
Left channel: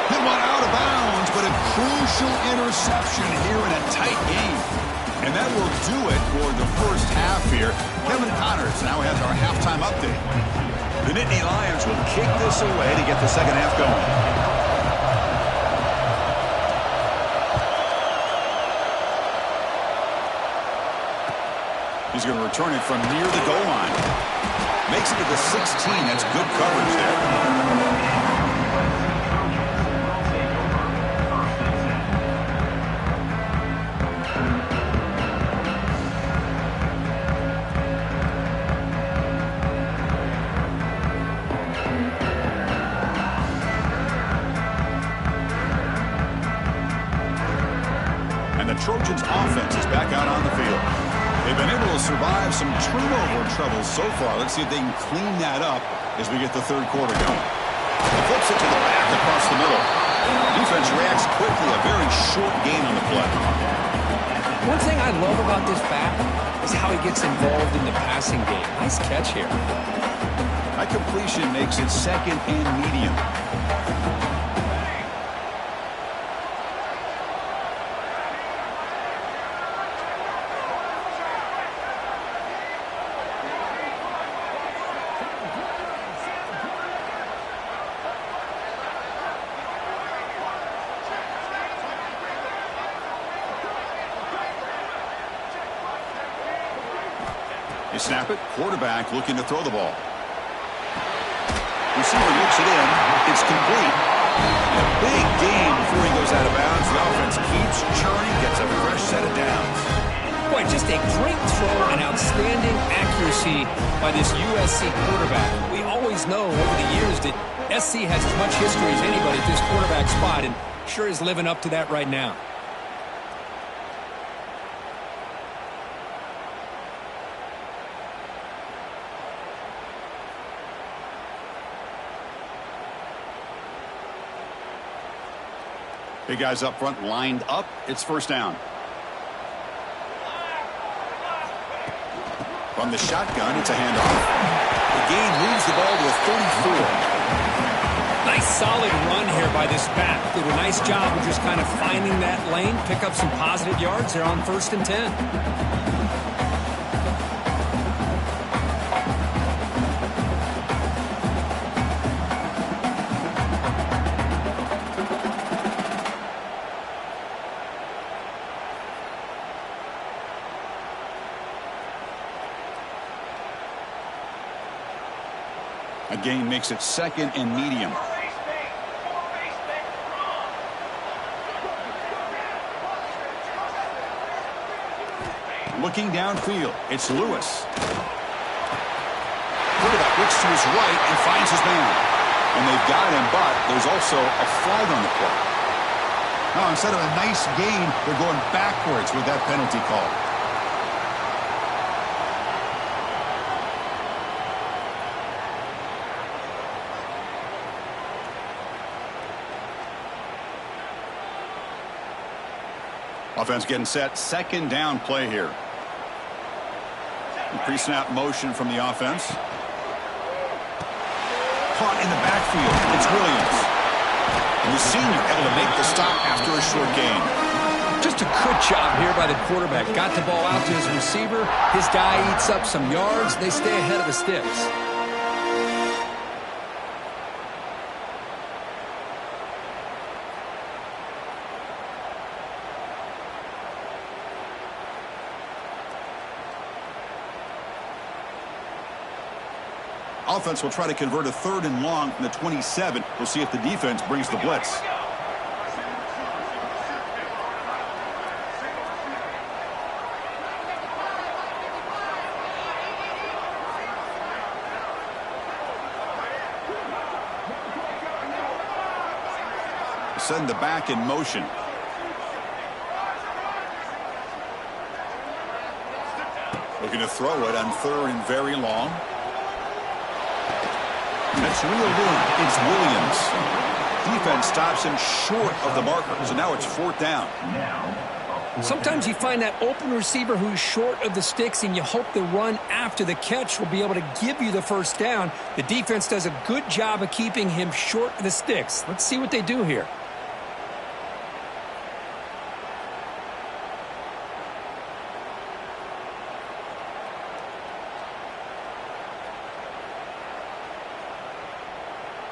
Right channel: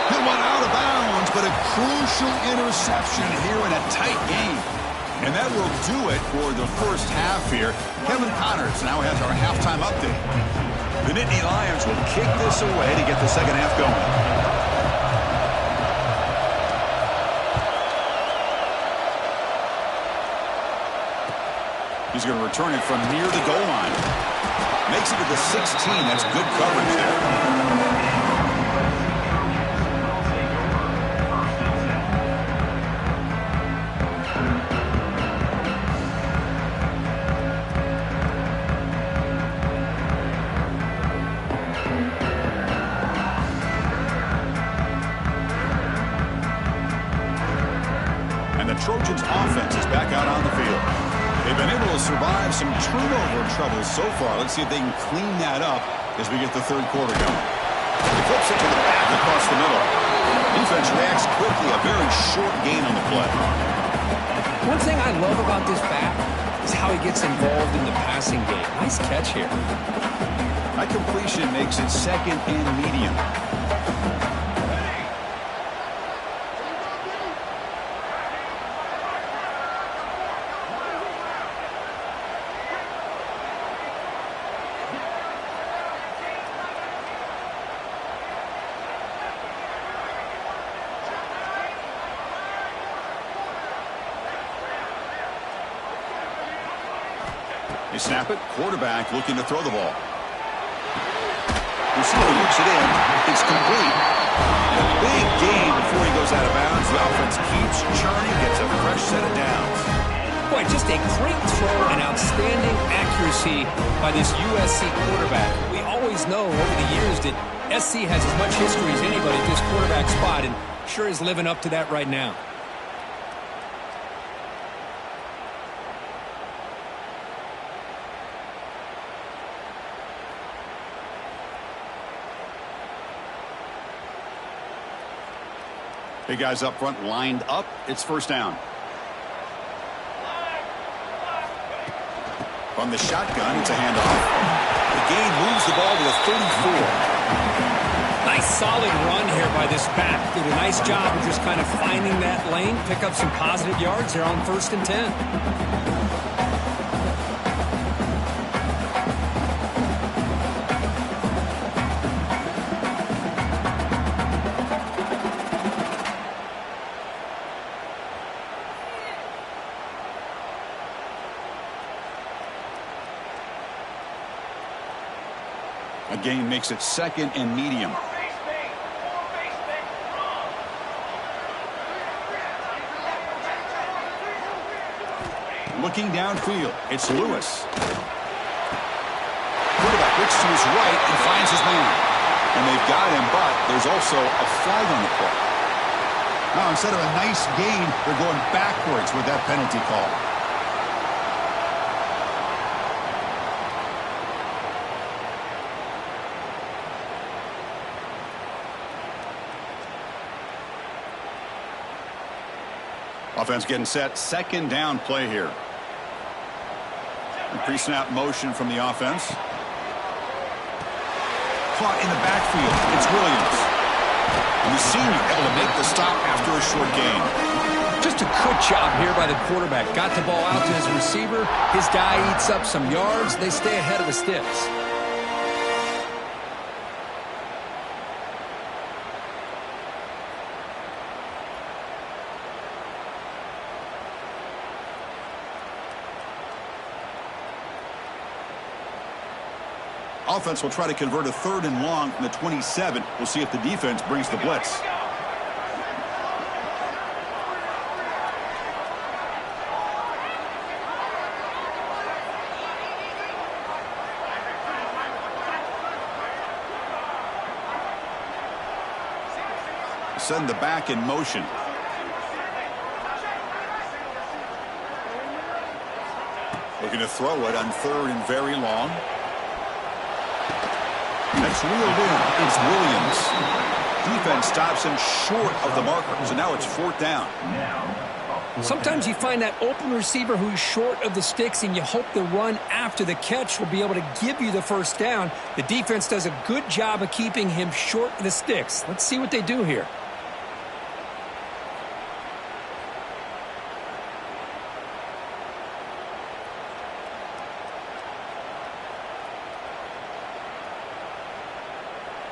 Hit one out of bounds, but a crucial interception here in a tight game. And that will do it for the first half here. Kevin Connors now has our halftime update. The Nittany Lions will kick this away to get the second half going. He's going to return it from near the goal line. Makes it to the 16. That's good coverage there. Trojans offense is back out on the field. They've been able to survive some turnover troubles so far. Let's see if they can clean that up as we get the third quarter going. He flips it to the back across the middle. Defense reacts quickly. A very short gain on the play. One thing I love about this back is how he gets involved in the passing game. Nice catch here. That completion makes it second and medium. They snap it. Quarterback looking to throw the ball. Receiver looks it in. It's complete. And a big gain before he goes out of bounds. The offense keeps churning, gets a fresh set of downs. Boy, just a great throw and outstanding accuracy by this USC quarterback. We always know over the years that SC has as much history as anybody at this quarterback spot, and sure is living up to that right now. Big guys up front lined up. It's first down. From the shotgun, it's a handoff. The gain moves the ball to the 34. Nice solid run here by this back. Did a nice job of just kind of finding that lane, pick up some positive yards there on 1st and 10. gain makes it 2nd and medium. Looking downfield, it's Lewis. Quarterback looks to his right and finds his man. And they've got him, but there's also a flag on the play. Now, instead of a nice gain, they're going backwards with that penalty call. Offense getting set. 2nd down play here. Pre-snap motion from the offense. Caught in the backfield. It's Williams. And the senior able to make the stop after a short gain. Just a good job here by the quarterback. Got the ball out to his receiver. His guy eats up some yards. They stay ahead of the sticks. Offense will try to convert a 3rd and long from the 27. We'll see if the defense brings the blitz. Send the back in motion. Looking to throw it on 3rd and very long. That's reeled in. It's Williams. Defense stops him short of the marker, so now it's 4th down. Sometimes you find that open receiver who's short of the sticks, and you hope the run after the catch will be able to give you the 1st down. The defense does a good job of keeping him short of the sticks. Let's see what they do here.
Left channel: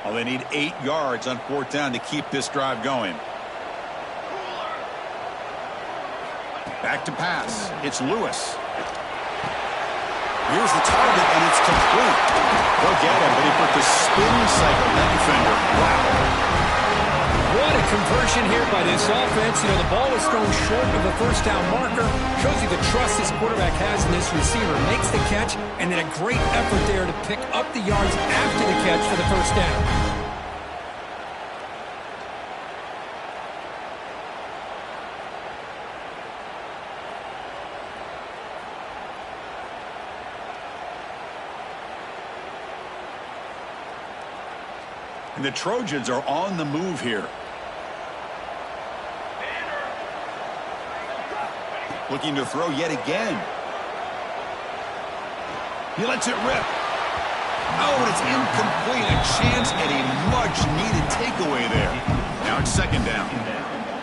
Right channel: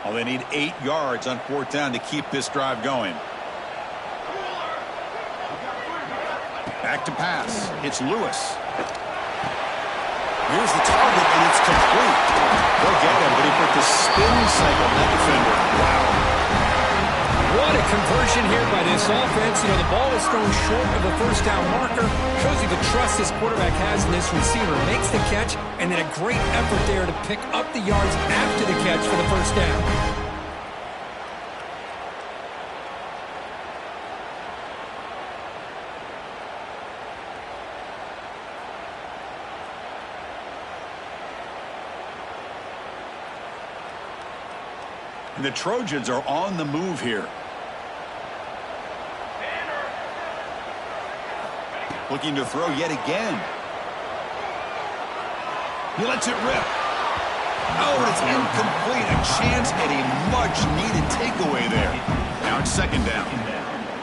Oh, they need 8 yards on 4th down to keep this drive going. Back to pass. It's Lewis. Here's the target, and it's complete. They'll get him, but he put the spin cycle on that defender. Wow. What a conversion here by this offense. You know, the ball is thrown short of the 1st down marker. Shows you the trust this quarterback has in this receiver. Makes the catch, and then a great effort there to pick up the yards after the catch for the 1st down. And the Trojans are on the move here. Looking to throw yet again. He lets it rip. Oh, and it's incomplete. A chance at a much-needed takeaway there. Now it's 2nd down.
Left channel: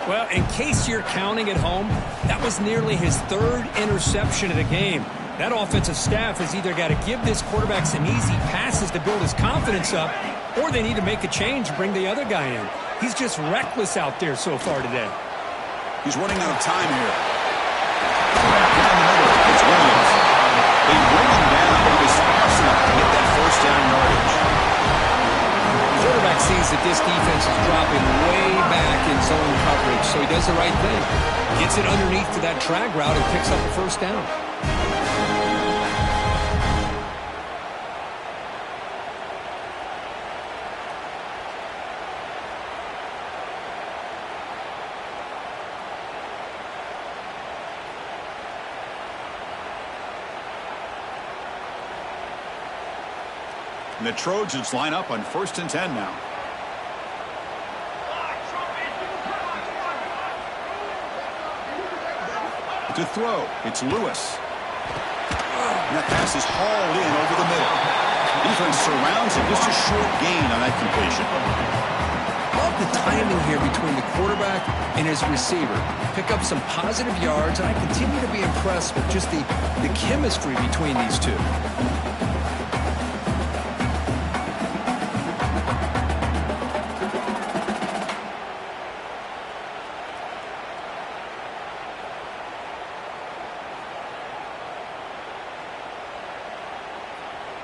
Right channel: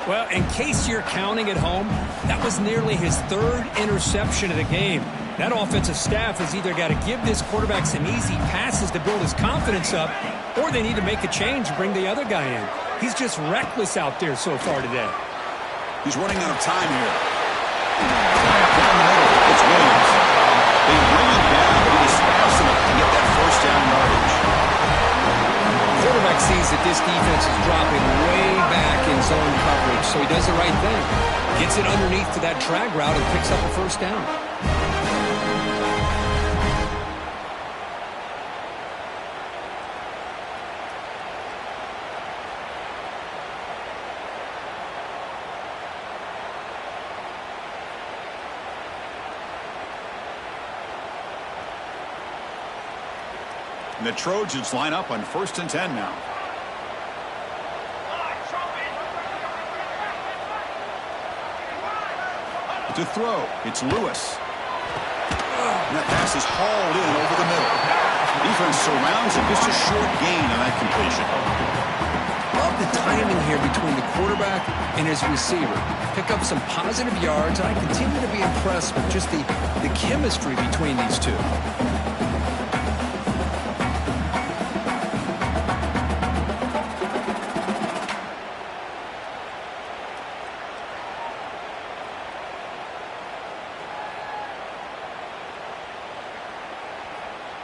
Well, in case you're counting at home, that was nearly his 3rd interception of the game. That offensive staff has either got to give this quarterback some easy passes to build his confidence up, or they need to make a change and bring the other guy in. He's just reckless out there so far today. He's running out of time here. Down the middle, it's Williams. They bring him down, but he was fast enough to get that 1st down yardage. Quarterback sees that this defense is dropping way back in zone coverage, so he does the right thing. Gets it underneath to that drag route and picks up a 1st down. And the Trojans line up on 1st and 10 now. To throw, it's Lewis. And that pass is hauled in over the middle. Defense surrounds him. Just a short gain on that completion. Love the timing here between the quarterback and his receiver. Pick up some positive yards, and I continue to be impressed with just the chemistry between these two.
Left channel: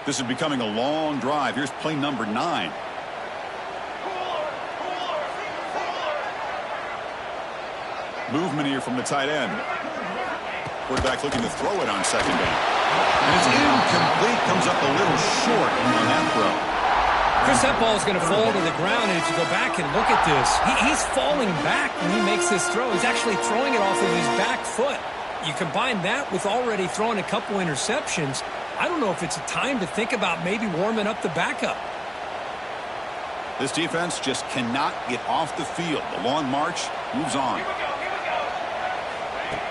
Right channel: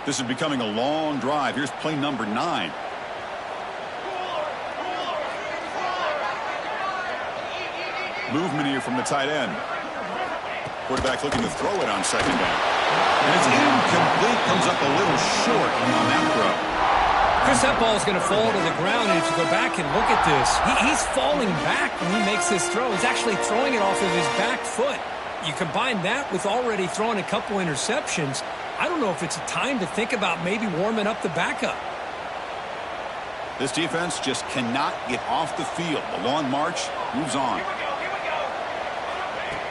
This is becoming a long drive. Here's play number 9. Movement here from the tight end. Quarterback looking to throw it on second down. And it's incomplete. Comes up a little short on that throw. Chris, that ball is going to fall to the ground, and if you go back and look at this, he's falling back when he makes this throw. He's actually throwing it off of his back foot. You combine that with already throwing a couple interceptions, I don't know if it's a time to think about maybe warming up the backup. This defense just cannot get off the field. The long march moves on. Here we go.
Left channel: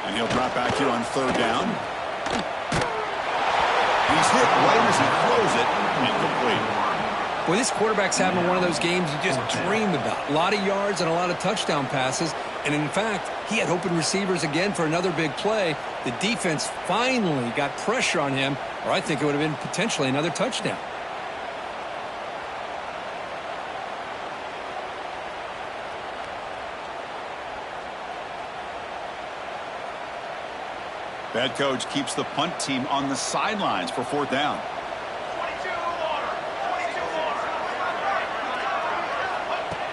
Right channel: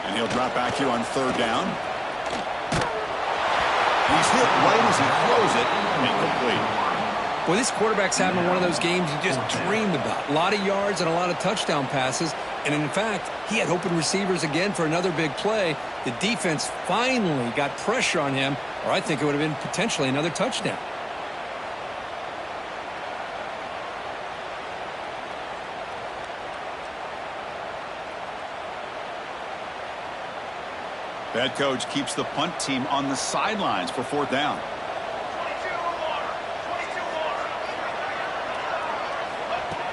And he'll drop back here on third down. And he's hit right as he throws it. Incomplete. Well, this quarterback's having one of those games you just dreamed about. A lot of yards and a lot of touchdown passes. And in fact, he had open receivers again for another big play. The defense finally got pressure on him, or I think it would have been potentially another touchdown. Bad coach keeps the punt team on the sidelines for fourth down. 22 water.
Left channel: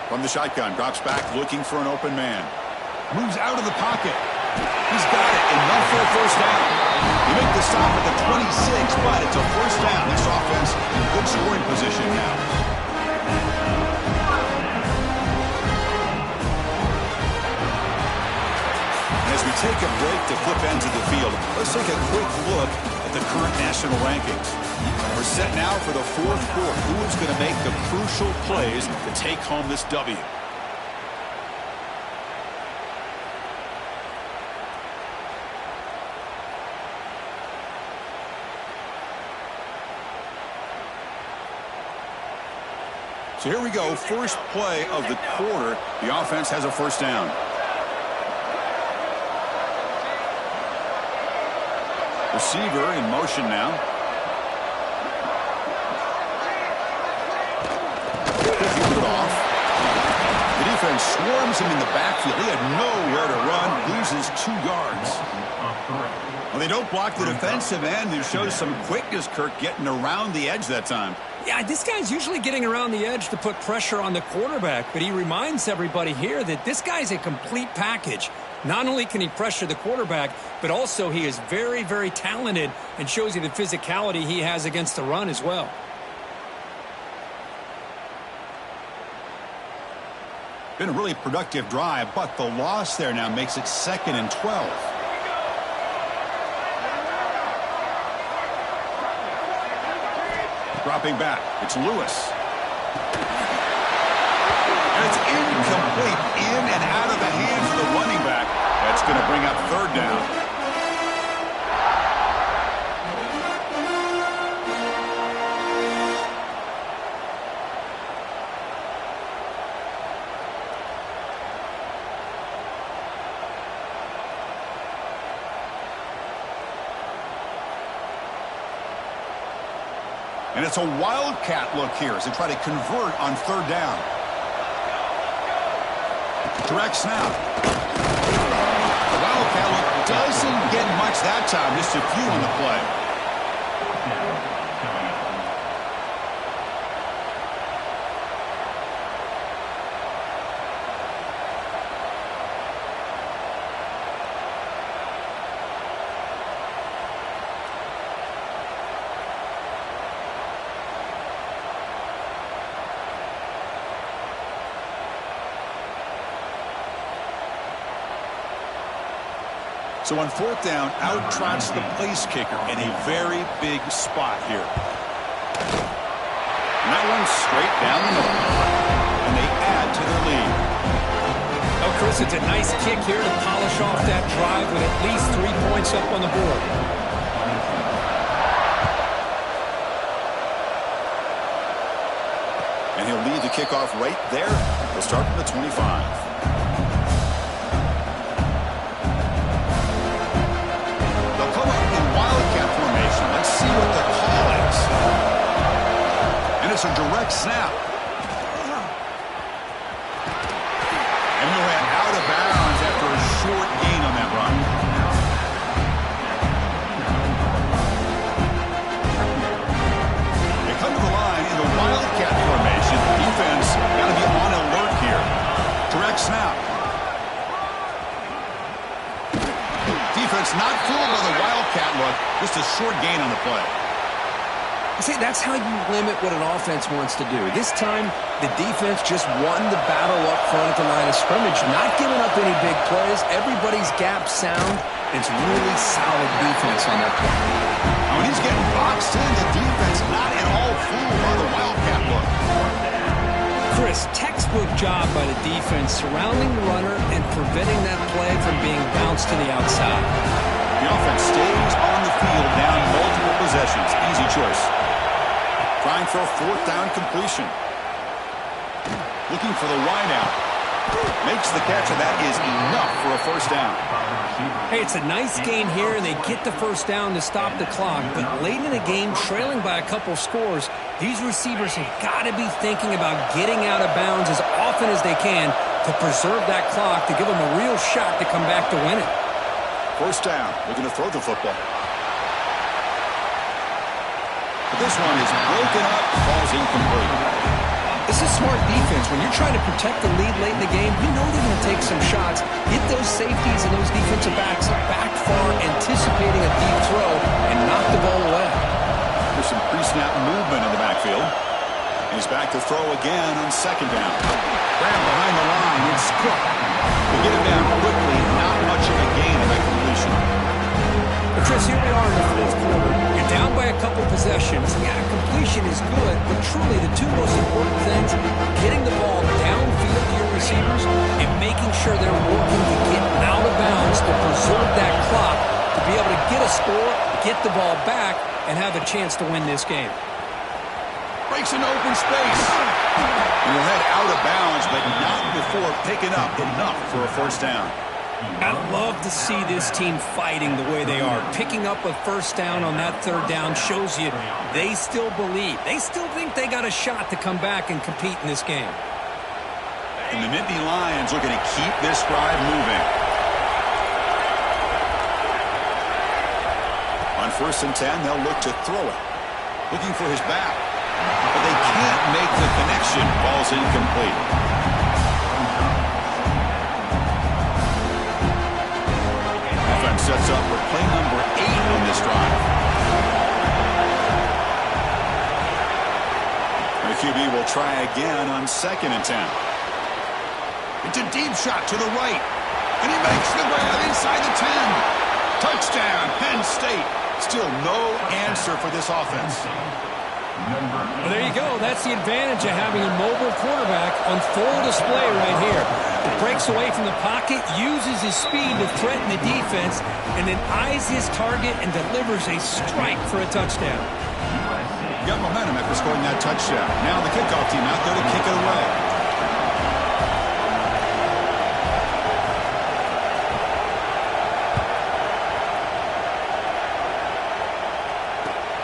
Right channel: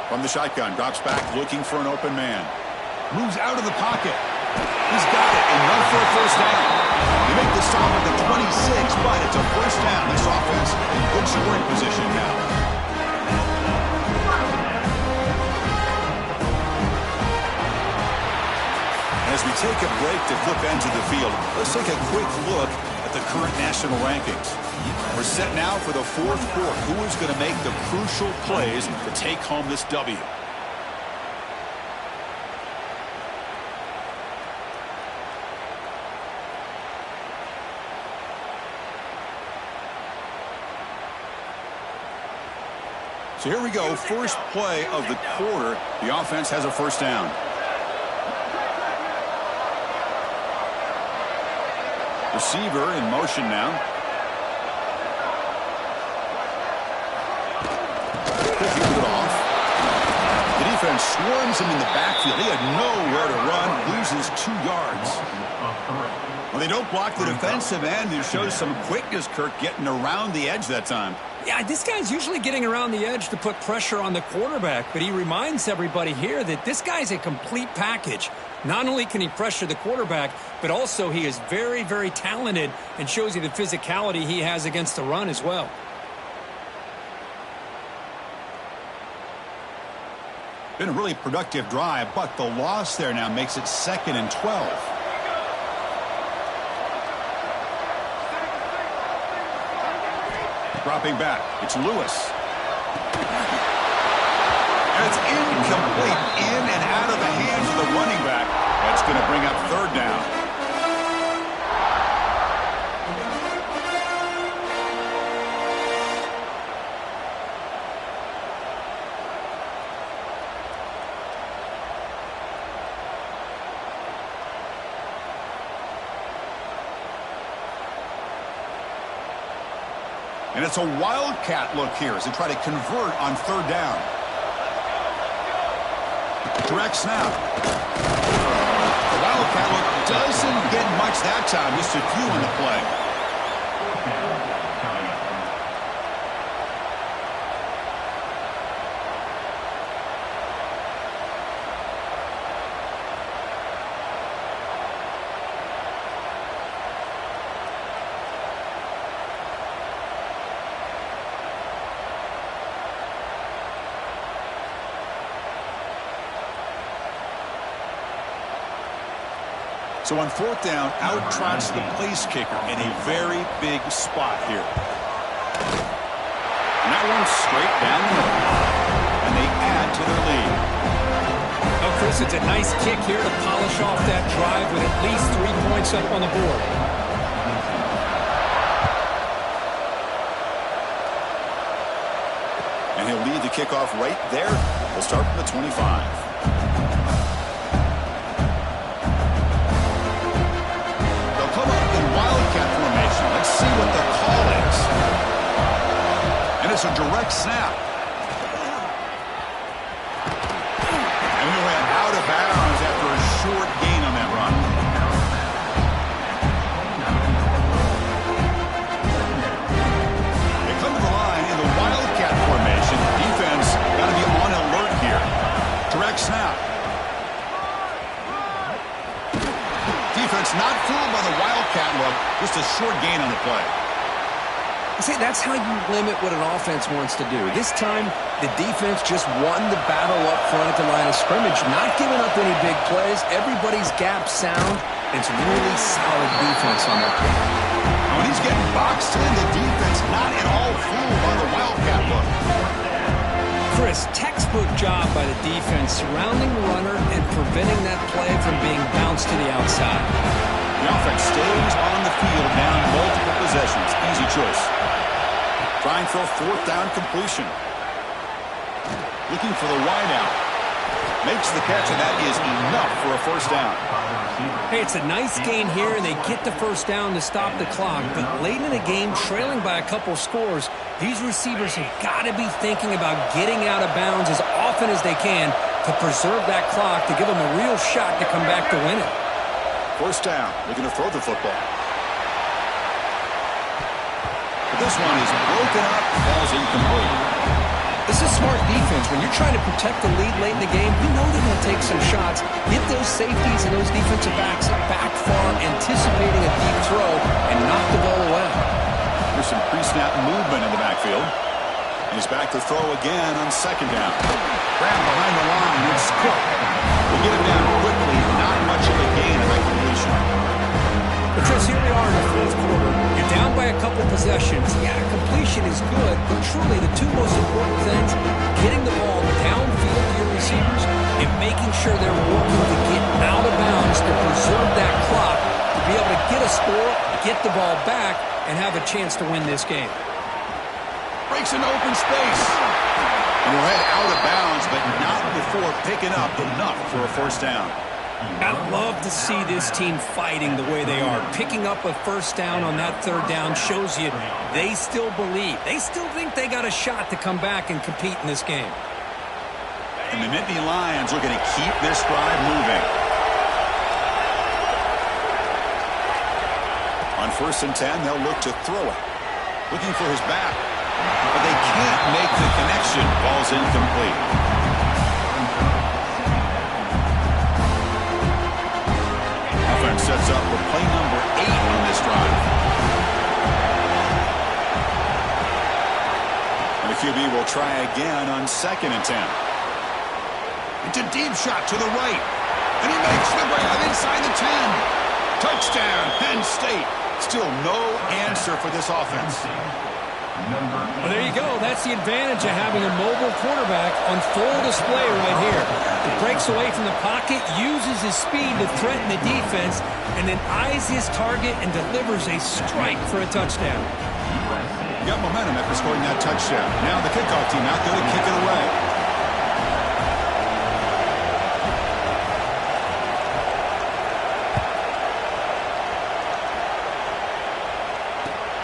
From the shotgun, drops back looking for an open man. Moves out of the pocket. He's got it. Enough for a first down. They make the stop at the 26, but it's a first down. This offense in good scoring position now. As we take a break to flip into the field, let's take a quick look at the current national rankings. We're set now for the fourth quarter. Who is going to make the crucial plays to take home this W? So here we go. First play of the quarter. The offense has a first down. Receiver in motion now. Field it off. The defense swarms him in the backfield. He had nowhere to run. Loses 2 yards. Well, they don't block the defensive end. It shows some quickness, Kirk, getting around the edge that time. Yeah, this guy's usually getting around the edge to put pressure on the quarterback, but he reminds everybody here that this guy's a complete package. Not only can he pressure the quarterback, but also he is very, very talented and shows you the physicality he has against the run as well. Been a really productive drive, but the loss there now makes it 2nd and 12. Dropping back, it's Lewis. And it's incomplete, in and out of the hands of the running back. That's going to bring up third down. And it's a wildcat look here as they try to convert on third down. Direct snap. The wildcat look doesn't get much that time, just a few on the play. So on fourth down, out trots the place kicker in a very big spot here. And that one's straight down the middle. And they add to their lead. Oh, Chris, it's a nice kick here to polish off that drive with at least 3 points up on the board. And he'll lead the kickoff right there. He'll start from the 25. Wildcat formation. Let's see what the call is. And it's a direct snap. And he'll head out of bounds after a short gain on that run. Defense got to be on alert here. Direct snap. Defense not fooled by the Wildcat look. Just a short gain on the play. See, that's how you limit what an offense wants to do. This time, the defense just won the battle up front at the line of scrimmage, not giving up any big plays. Everybody's gap sound. It's really solid defense on that play. Now, when he's getting boxed in, the defense not at all fooled by the Wildcat look. Chris, textbook job by the defense surrounding the runner and preventing that play from being bounced to the outside. The offense stays on the field down multiple possessions. Easy choice. Trying for a fourth down completion. Looking for the wideout. Makes the catch, and that is enough for a first down. Hey, it's a nice gain here, and they get the first down to stop the clock. But late in the game, trailing by a couple scores, these receivers have got to be thinking about getting out of bounds as often as they can to preserve that clock, to give them a real shot to come back to win it. First down, looking to throw the football. But this one is broken up, falls incomplete. This is smart defense. When you're trying to protect the lead late in the game, you know they're going to take some shots. Get those safeties and those defensive backs back far, anticipating a deep throw, and knock the ball away. There's some pre-snap movement in the backfield. And he's back to throw again on second down. Grab behind the line. It's Cook. We get him down quickly. Not much of a gain on that completion. But Chris, here we are in the fourth quarter. You're down by a couple possessions. Yeah, completion is good, but truly the two most important things, getting the ball downfield to your receivers and making sure they're working to get out of bounds to preserve that clock, to be able to get a score, get the ball back, and have a chance to win this game. Breaks an open space. And he'll head out of bounds, but not before picking up enough for a first down. I love to see this team fighting the way they are. Picking up a first down on that third down shows you they still believe. They still think they got a shot to come back and compete in this game. And the Nittany Lions looking to keep this drive moving. On 1st and 10, they'll look to throw it. Looking for his back. But they can't make the connection. Ball's incomplete. Offense sets up for play number 8 on this drive. And the QB will try again on 2nd and 10. It's a deep shot to the right. And he makes the grab inside the 10. Touchdown, Penn State. Still no answer for this offense. Well, there you go. That's the advantage of having a mobile quarterback on full display right here. He breaks away from the pocket, uses his speed to threaten the defense, and then eyes his target and delivers a strike for a touchdown. Got momentum after scoring that touchdown. Now the kickoff team out there to kick it away.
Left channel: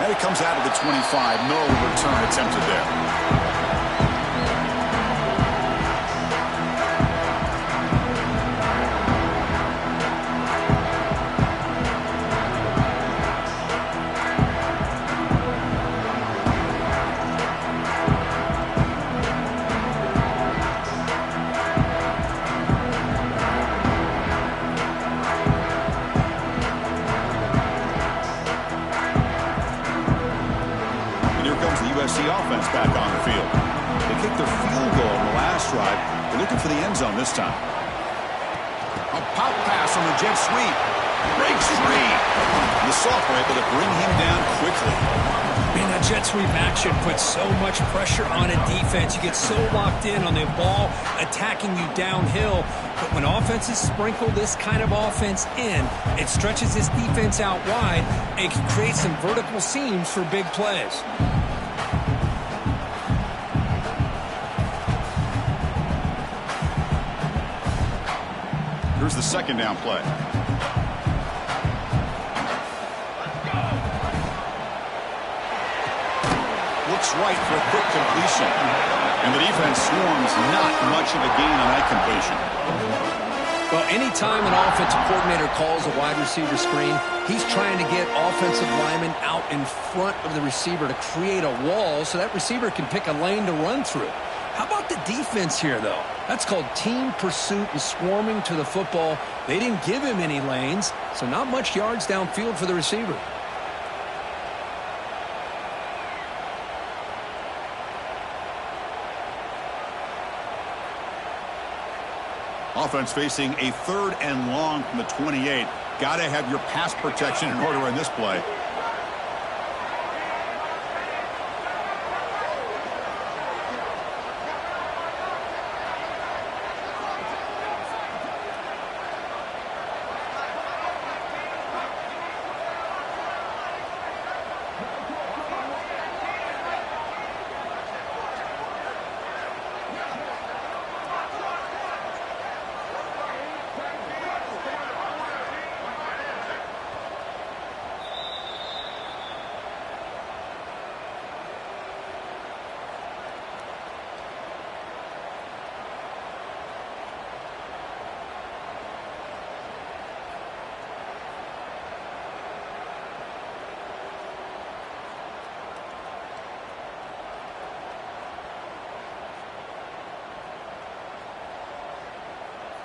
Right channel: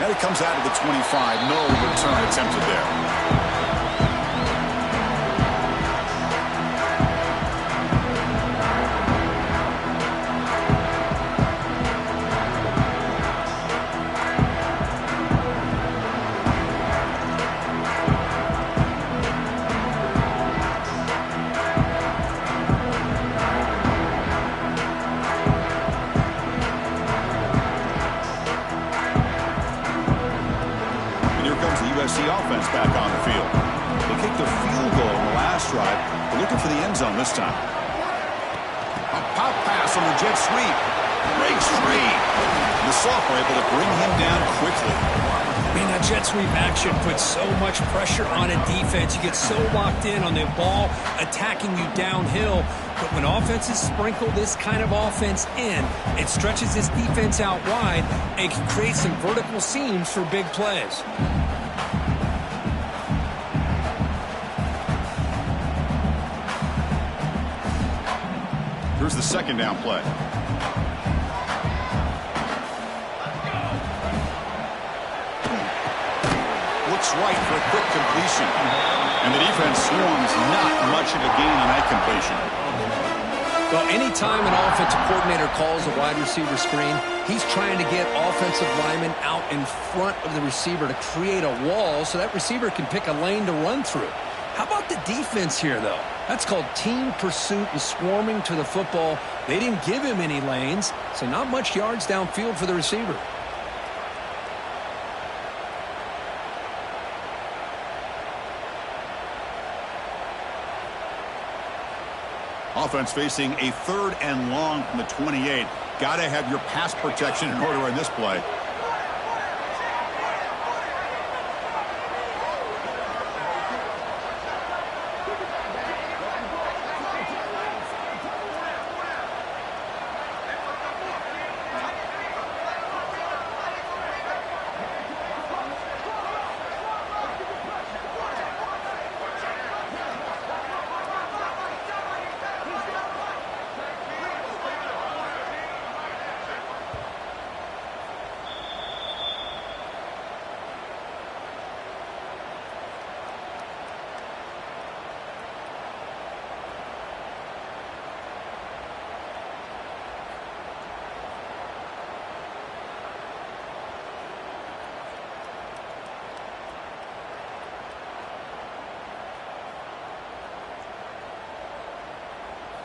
And it comes out of the 25. No return attempted there. USC offense back on the field. They kicked a field goal in the last drive. They're looking for the end zone this time. A pop pass on the jet sweep. Breaks free. And the sophomore able to bring him down quickly. Man, that jet sweep action puts so much pressure on a defense. You get so locked in on the ball attacking you downhill. But when offenses sprinkle this kind of offense in, it stretches this defense out wide and can create some vertical seams for big plays. Here's the second down play. Looks right for a quick completion. And the defense swarms, not much of a gain on that completion. Well, anytime an offensive coordinator calls a wide receiver screen, he's trying to get offensive linemen out in front of the receiver to create a wall so that receiver can pick a lane to run through. How about the defense here, though? That's called team pursuit and swarming to the football. They didn't give him any lanes, so not much yards downfield for the receiver. Offense facing a 3rd and long from the 28. Got to have your pass protection in order in this play.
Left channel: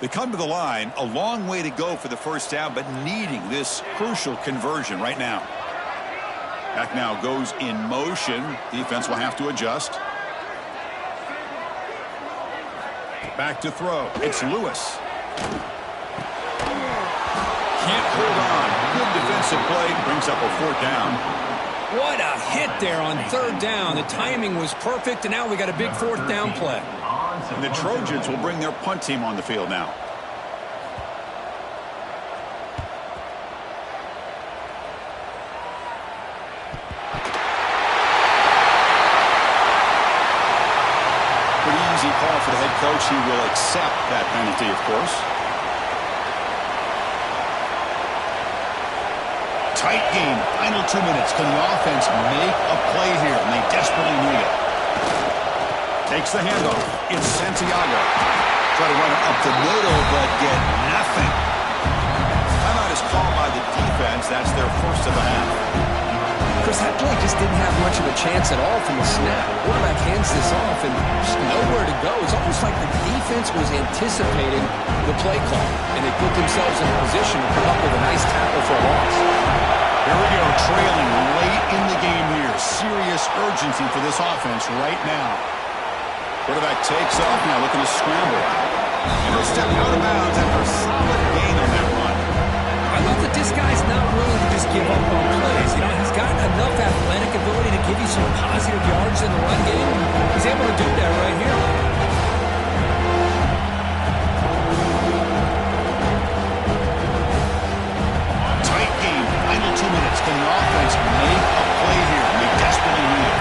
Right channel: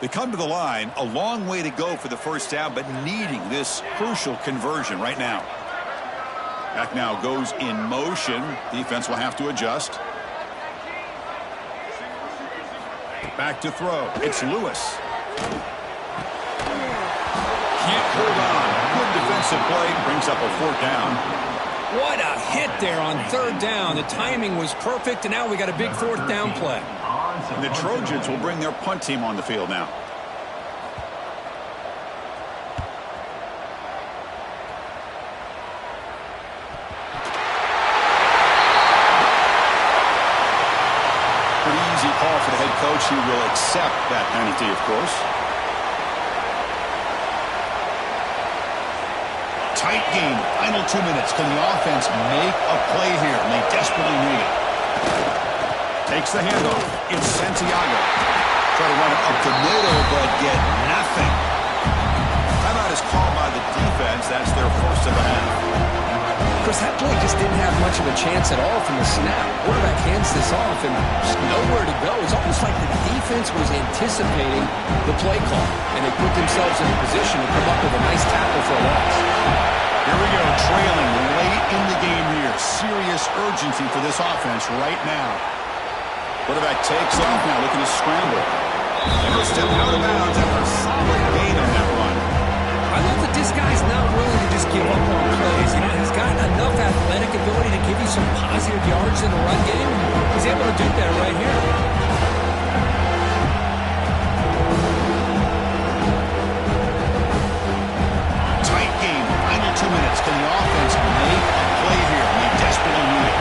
They come to the line, a long way to go for the first down, but needing this crucial conversion right now. Back now goes in motion. Defense will have to adjust. Back to throw. It's Lewis. Can't hold on. Good defensive play. Brings up a 4th down. What a hit there on 3rd down. The timing was perfect, and now we got a big 4th down play. And the Trojans will bring their punt team on the field now. Pretty easy call for the head coach. He will accept that penalty, of course. Tight game. Final 2 minutes. Can the offense make a play here? And they desperately need it. Takes the handoff. It's Santiago. Try to run it up the middle, but get nothing. Timeout is called by the defense. That's their first of the half. Chris, that play just didn't have much of a chance at all from the snap. Quarterback hands this off and just nowhere to go. It's almost like the defense was anticipating the play call, and they put themselves in a position to come up with a nice tackle for a loss. Here we go, trailing late in the game here. Serious urgency for this offense right now. Quarterback takes off now, looking to scramble. And he'll step out of bounds after a solid gain on that run. I love that this guy's not willing to just give up on plays. You know, he's got enough athletic ability to give you some positive yards in the run game. He's able to do that right here. Tight game, final 2 minutes. Can the offense make a play here? And they desperately need it.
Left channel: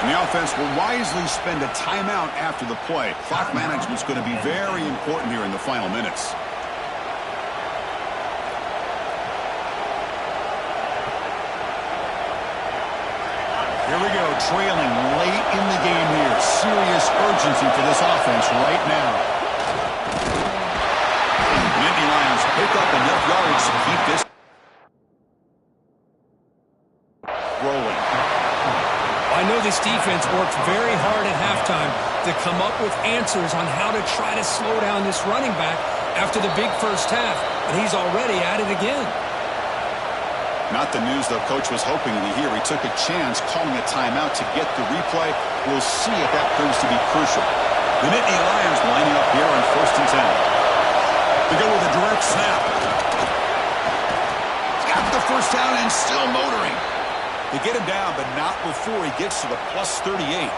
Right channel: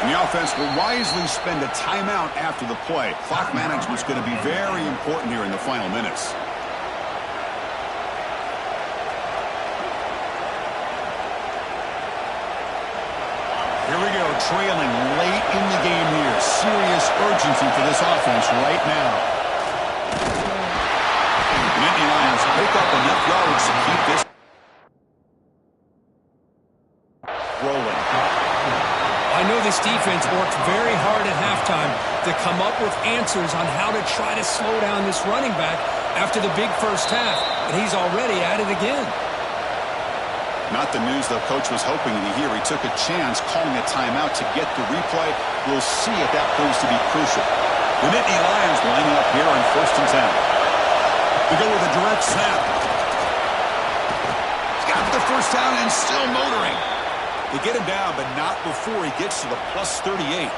And the offense will wisely spend a timeout after the play. Clock management is going to be very important here in the final minutes. Here we go, trailing late in the game here. Serious urgency for this offense right now. The Nittany Lions pick up enough yards to keep this rolling. I know this defense worked very hard at halftime to come up with answers on how to try to slow down this running back after the big first half, and he's already at it again. Not the news the coach was hoping to hear. He took a chance calling a timeout to get the replay. We'll see if that proves to be crucial. The Nittany Lions lining up here on 1st and 10. We go with a direct snap. He's got the first down and still motoring. They get him down, but not before he gets to the plus 38.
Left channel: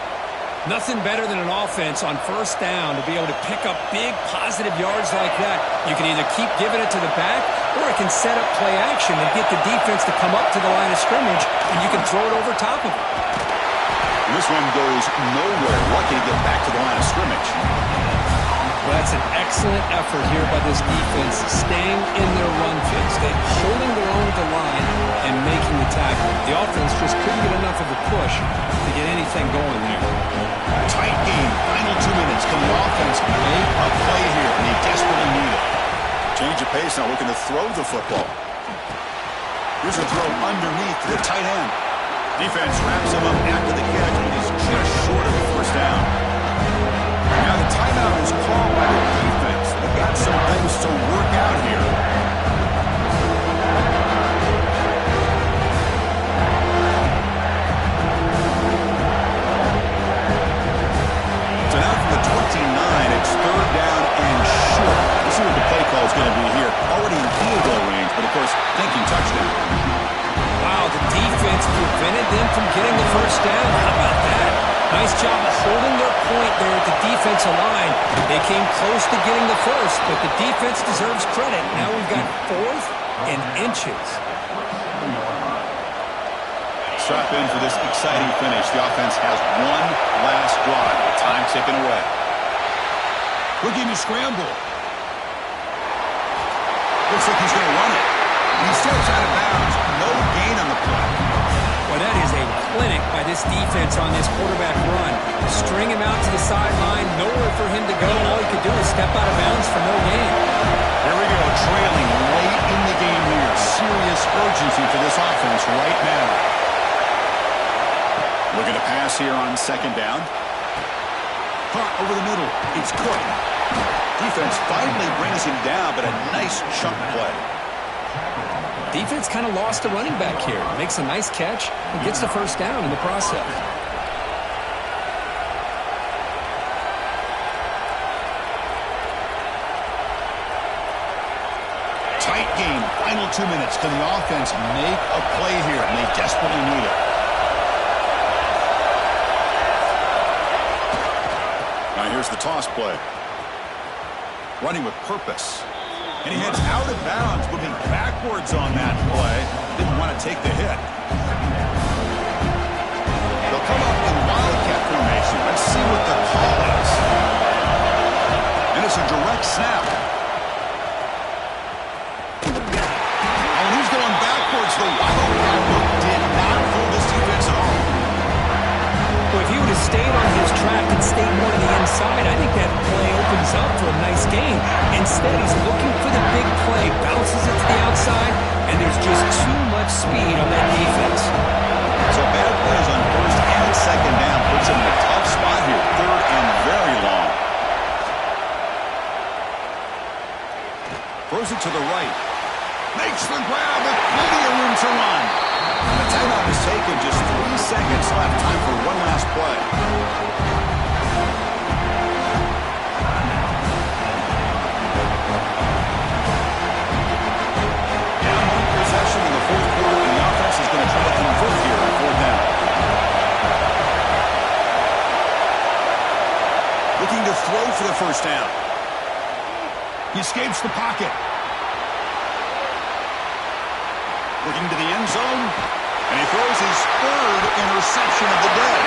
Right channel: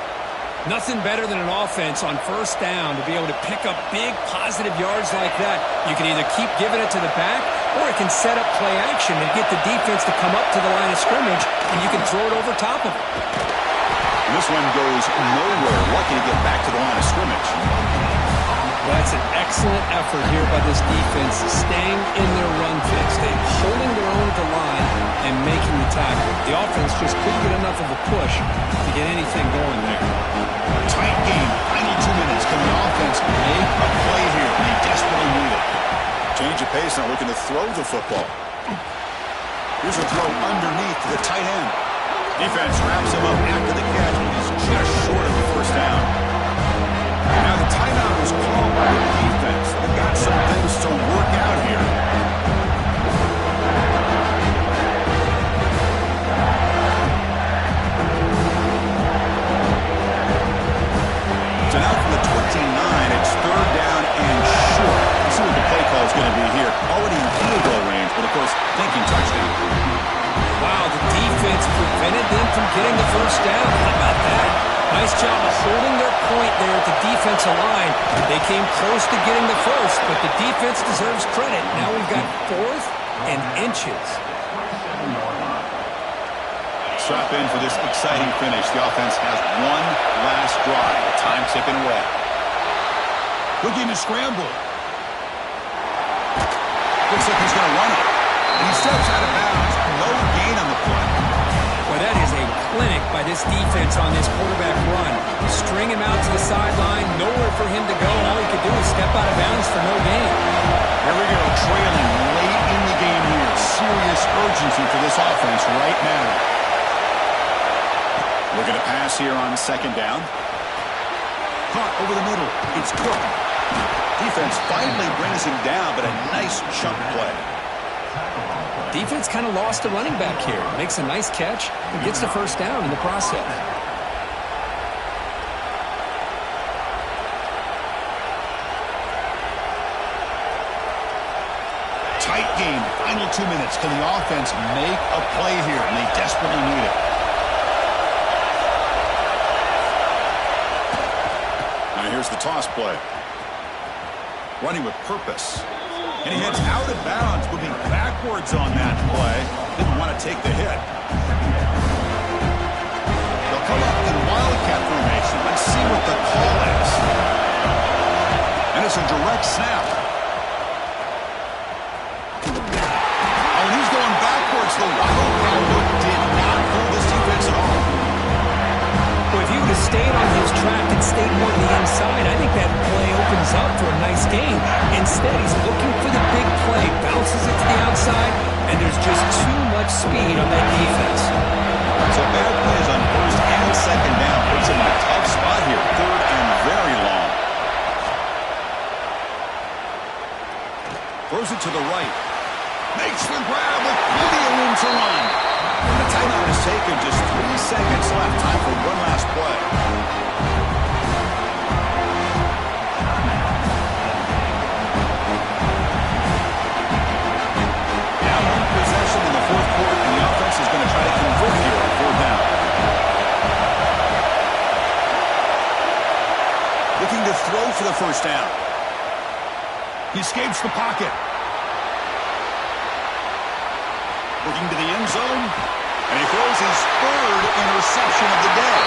Nothing better than an offense on first down to be able to pick up big positive yards like that. You can either keep giving it to the back, or it can set up play action and get the defense to come up to the line of scrimmage, and you can throw it over top of it. And this one goes nowhere. Lucky to get back to the line of scrimmage. Well, that's an excellent effort here by this defense, staying in their run fix. They're holding their own at the line and making the tackle. The offense just couldn't get enough of a push to get anything going there. Tight game. Final 2 minutes. Can the offense make a play here? And they desperately need it. Change of pace now, looking to throw the football. Here's a throw underneath to the tight end. Defense wraps him up after the catch. It is just short of a first down. Now the timeout is called by the defense. They've got some things to work out here. So now from the 29, it's third down and short. Let's see what the play call is going to be here. Already in field goal range, but of course, thinking touchdown. Wow, the defense prevented them from getting the first down. How about that? Nice job of holding their point there at the defensive line. They came close to getting the first, but the defense deserves credit. Now we've got 4th and inches. Strap in for this exciting finish. The offense has one last drive. Time ticking away. Looking to scramble. Looks like he's going to run it. He steps out of bounds. No gain on the play. Well, that is a clinic by this defense on this quarterback run. String him out to the sideline, nowhere for him to go, and all he could do is step out of bounds for no gain. Here we go, trailing late in the game here. Serious urgency for this offense right now. Looking to pass here on second down. Caught over the middle. It's Cook. Defense finally brings him down, but a nice chunk play. Defense kind of lost the running back here. Makes a nice catch and gets the first down in the process. Tight game. Final 2 minutes. Can the offense make a play here? And they desperately need it. Now here's the toss play. Running with purpose. And he heads out of bounds, moving backwards on that play. Didn't want to take the hit. They'll come up in wildcat formation. Let's see what the call is. And it's a direct snap. Oh, and he's going backwards. The wildcat look did not fool this defense at all. Well, if he would have stayed on his track and stayed more to the inside, I think that play opens up for a nice gain. Instead, he's looking for the big play, bounces it to the outside, and there's just too much speed on that defense. So bad plays on first and second down puts him in a tough spot here. Third and very long. Throws it to the right. Makes the grab with plenty of room to run. And the timeout is taken. Just 3 seconds left. Time for one last play. Now home possession in the fourth quarter, and the offense is going to try to convert here on fourth down. Looking to throw for the first down. He escapes the pocket. Looking to the end zone, and he throws his 3rd interception of the day.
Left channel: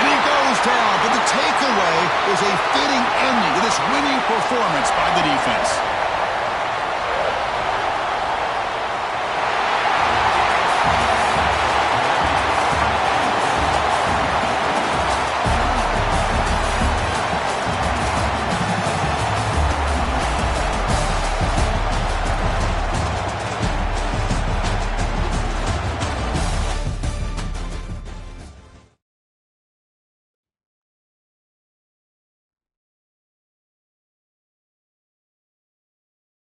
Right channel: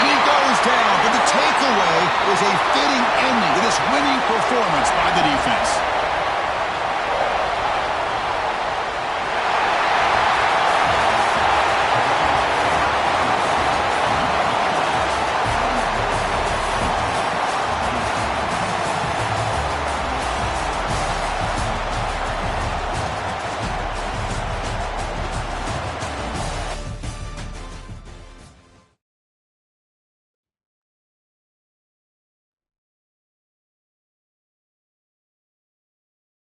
And he goes down, but the takeaway is a fitting ending to this winning performance by the defense.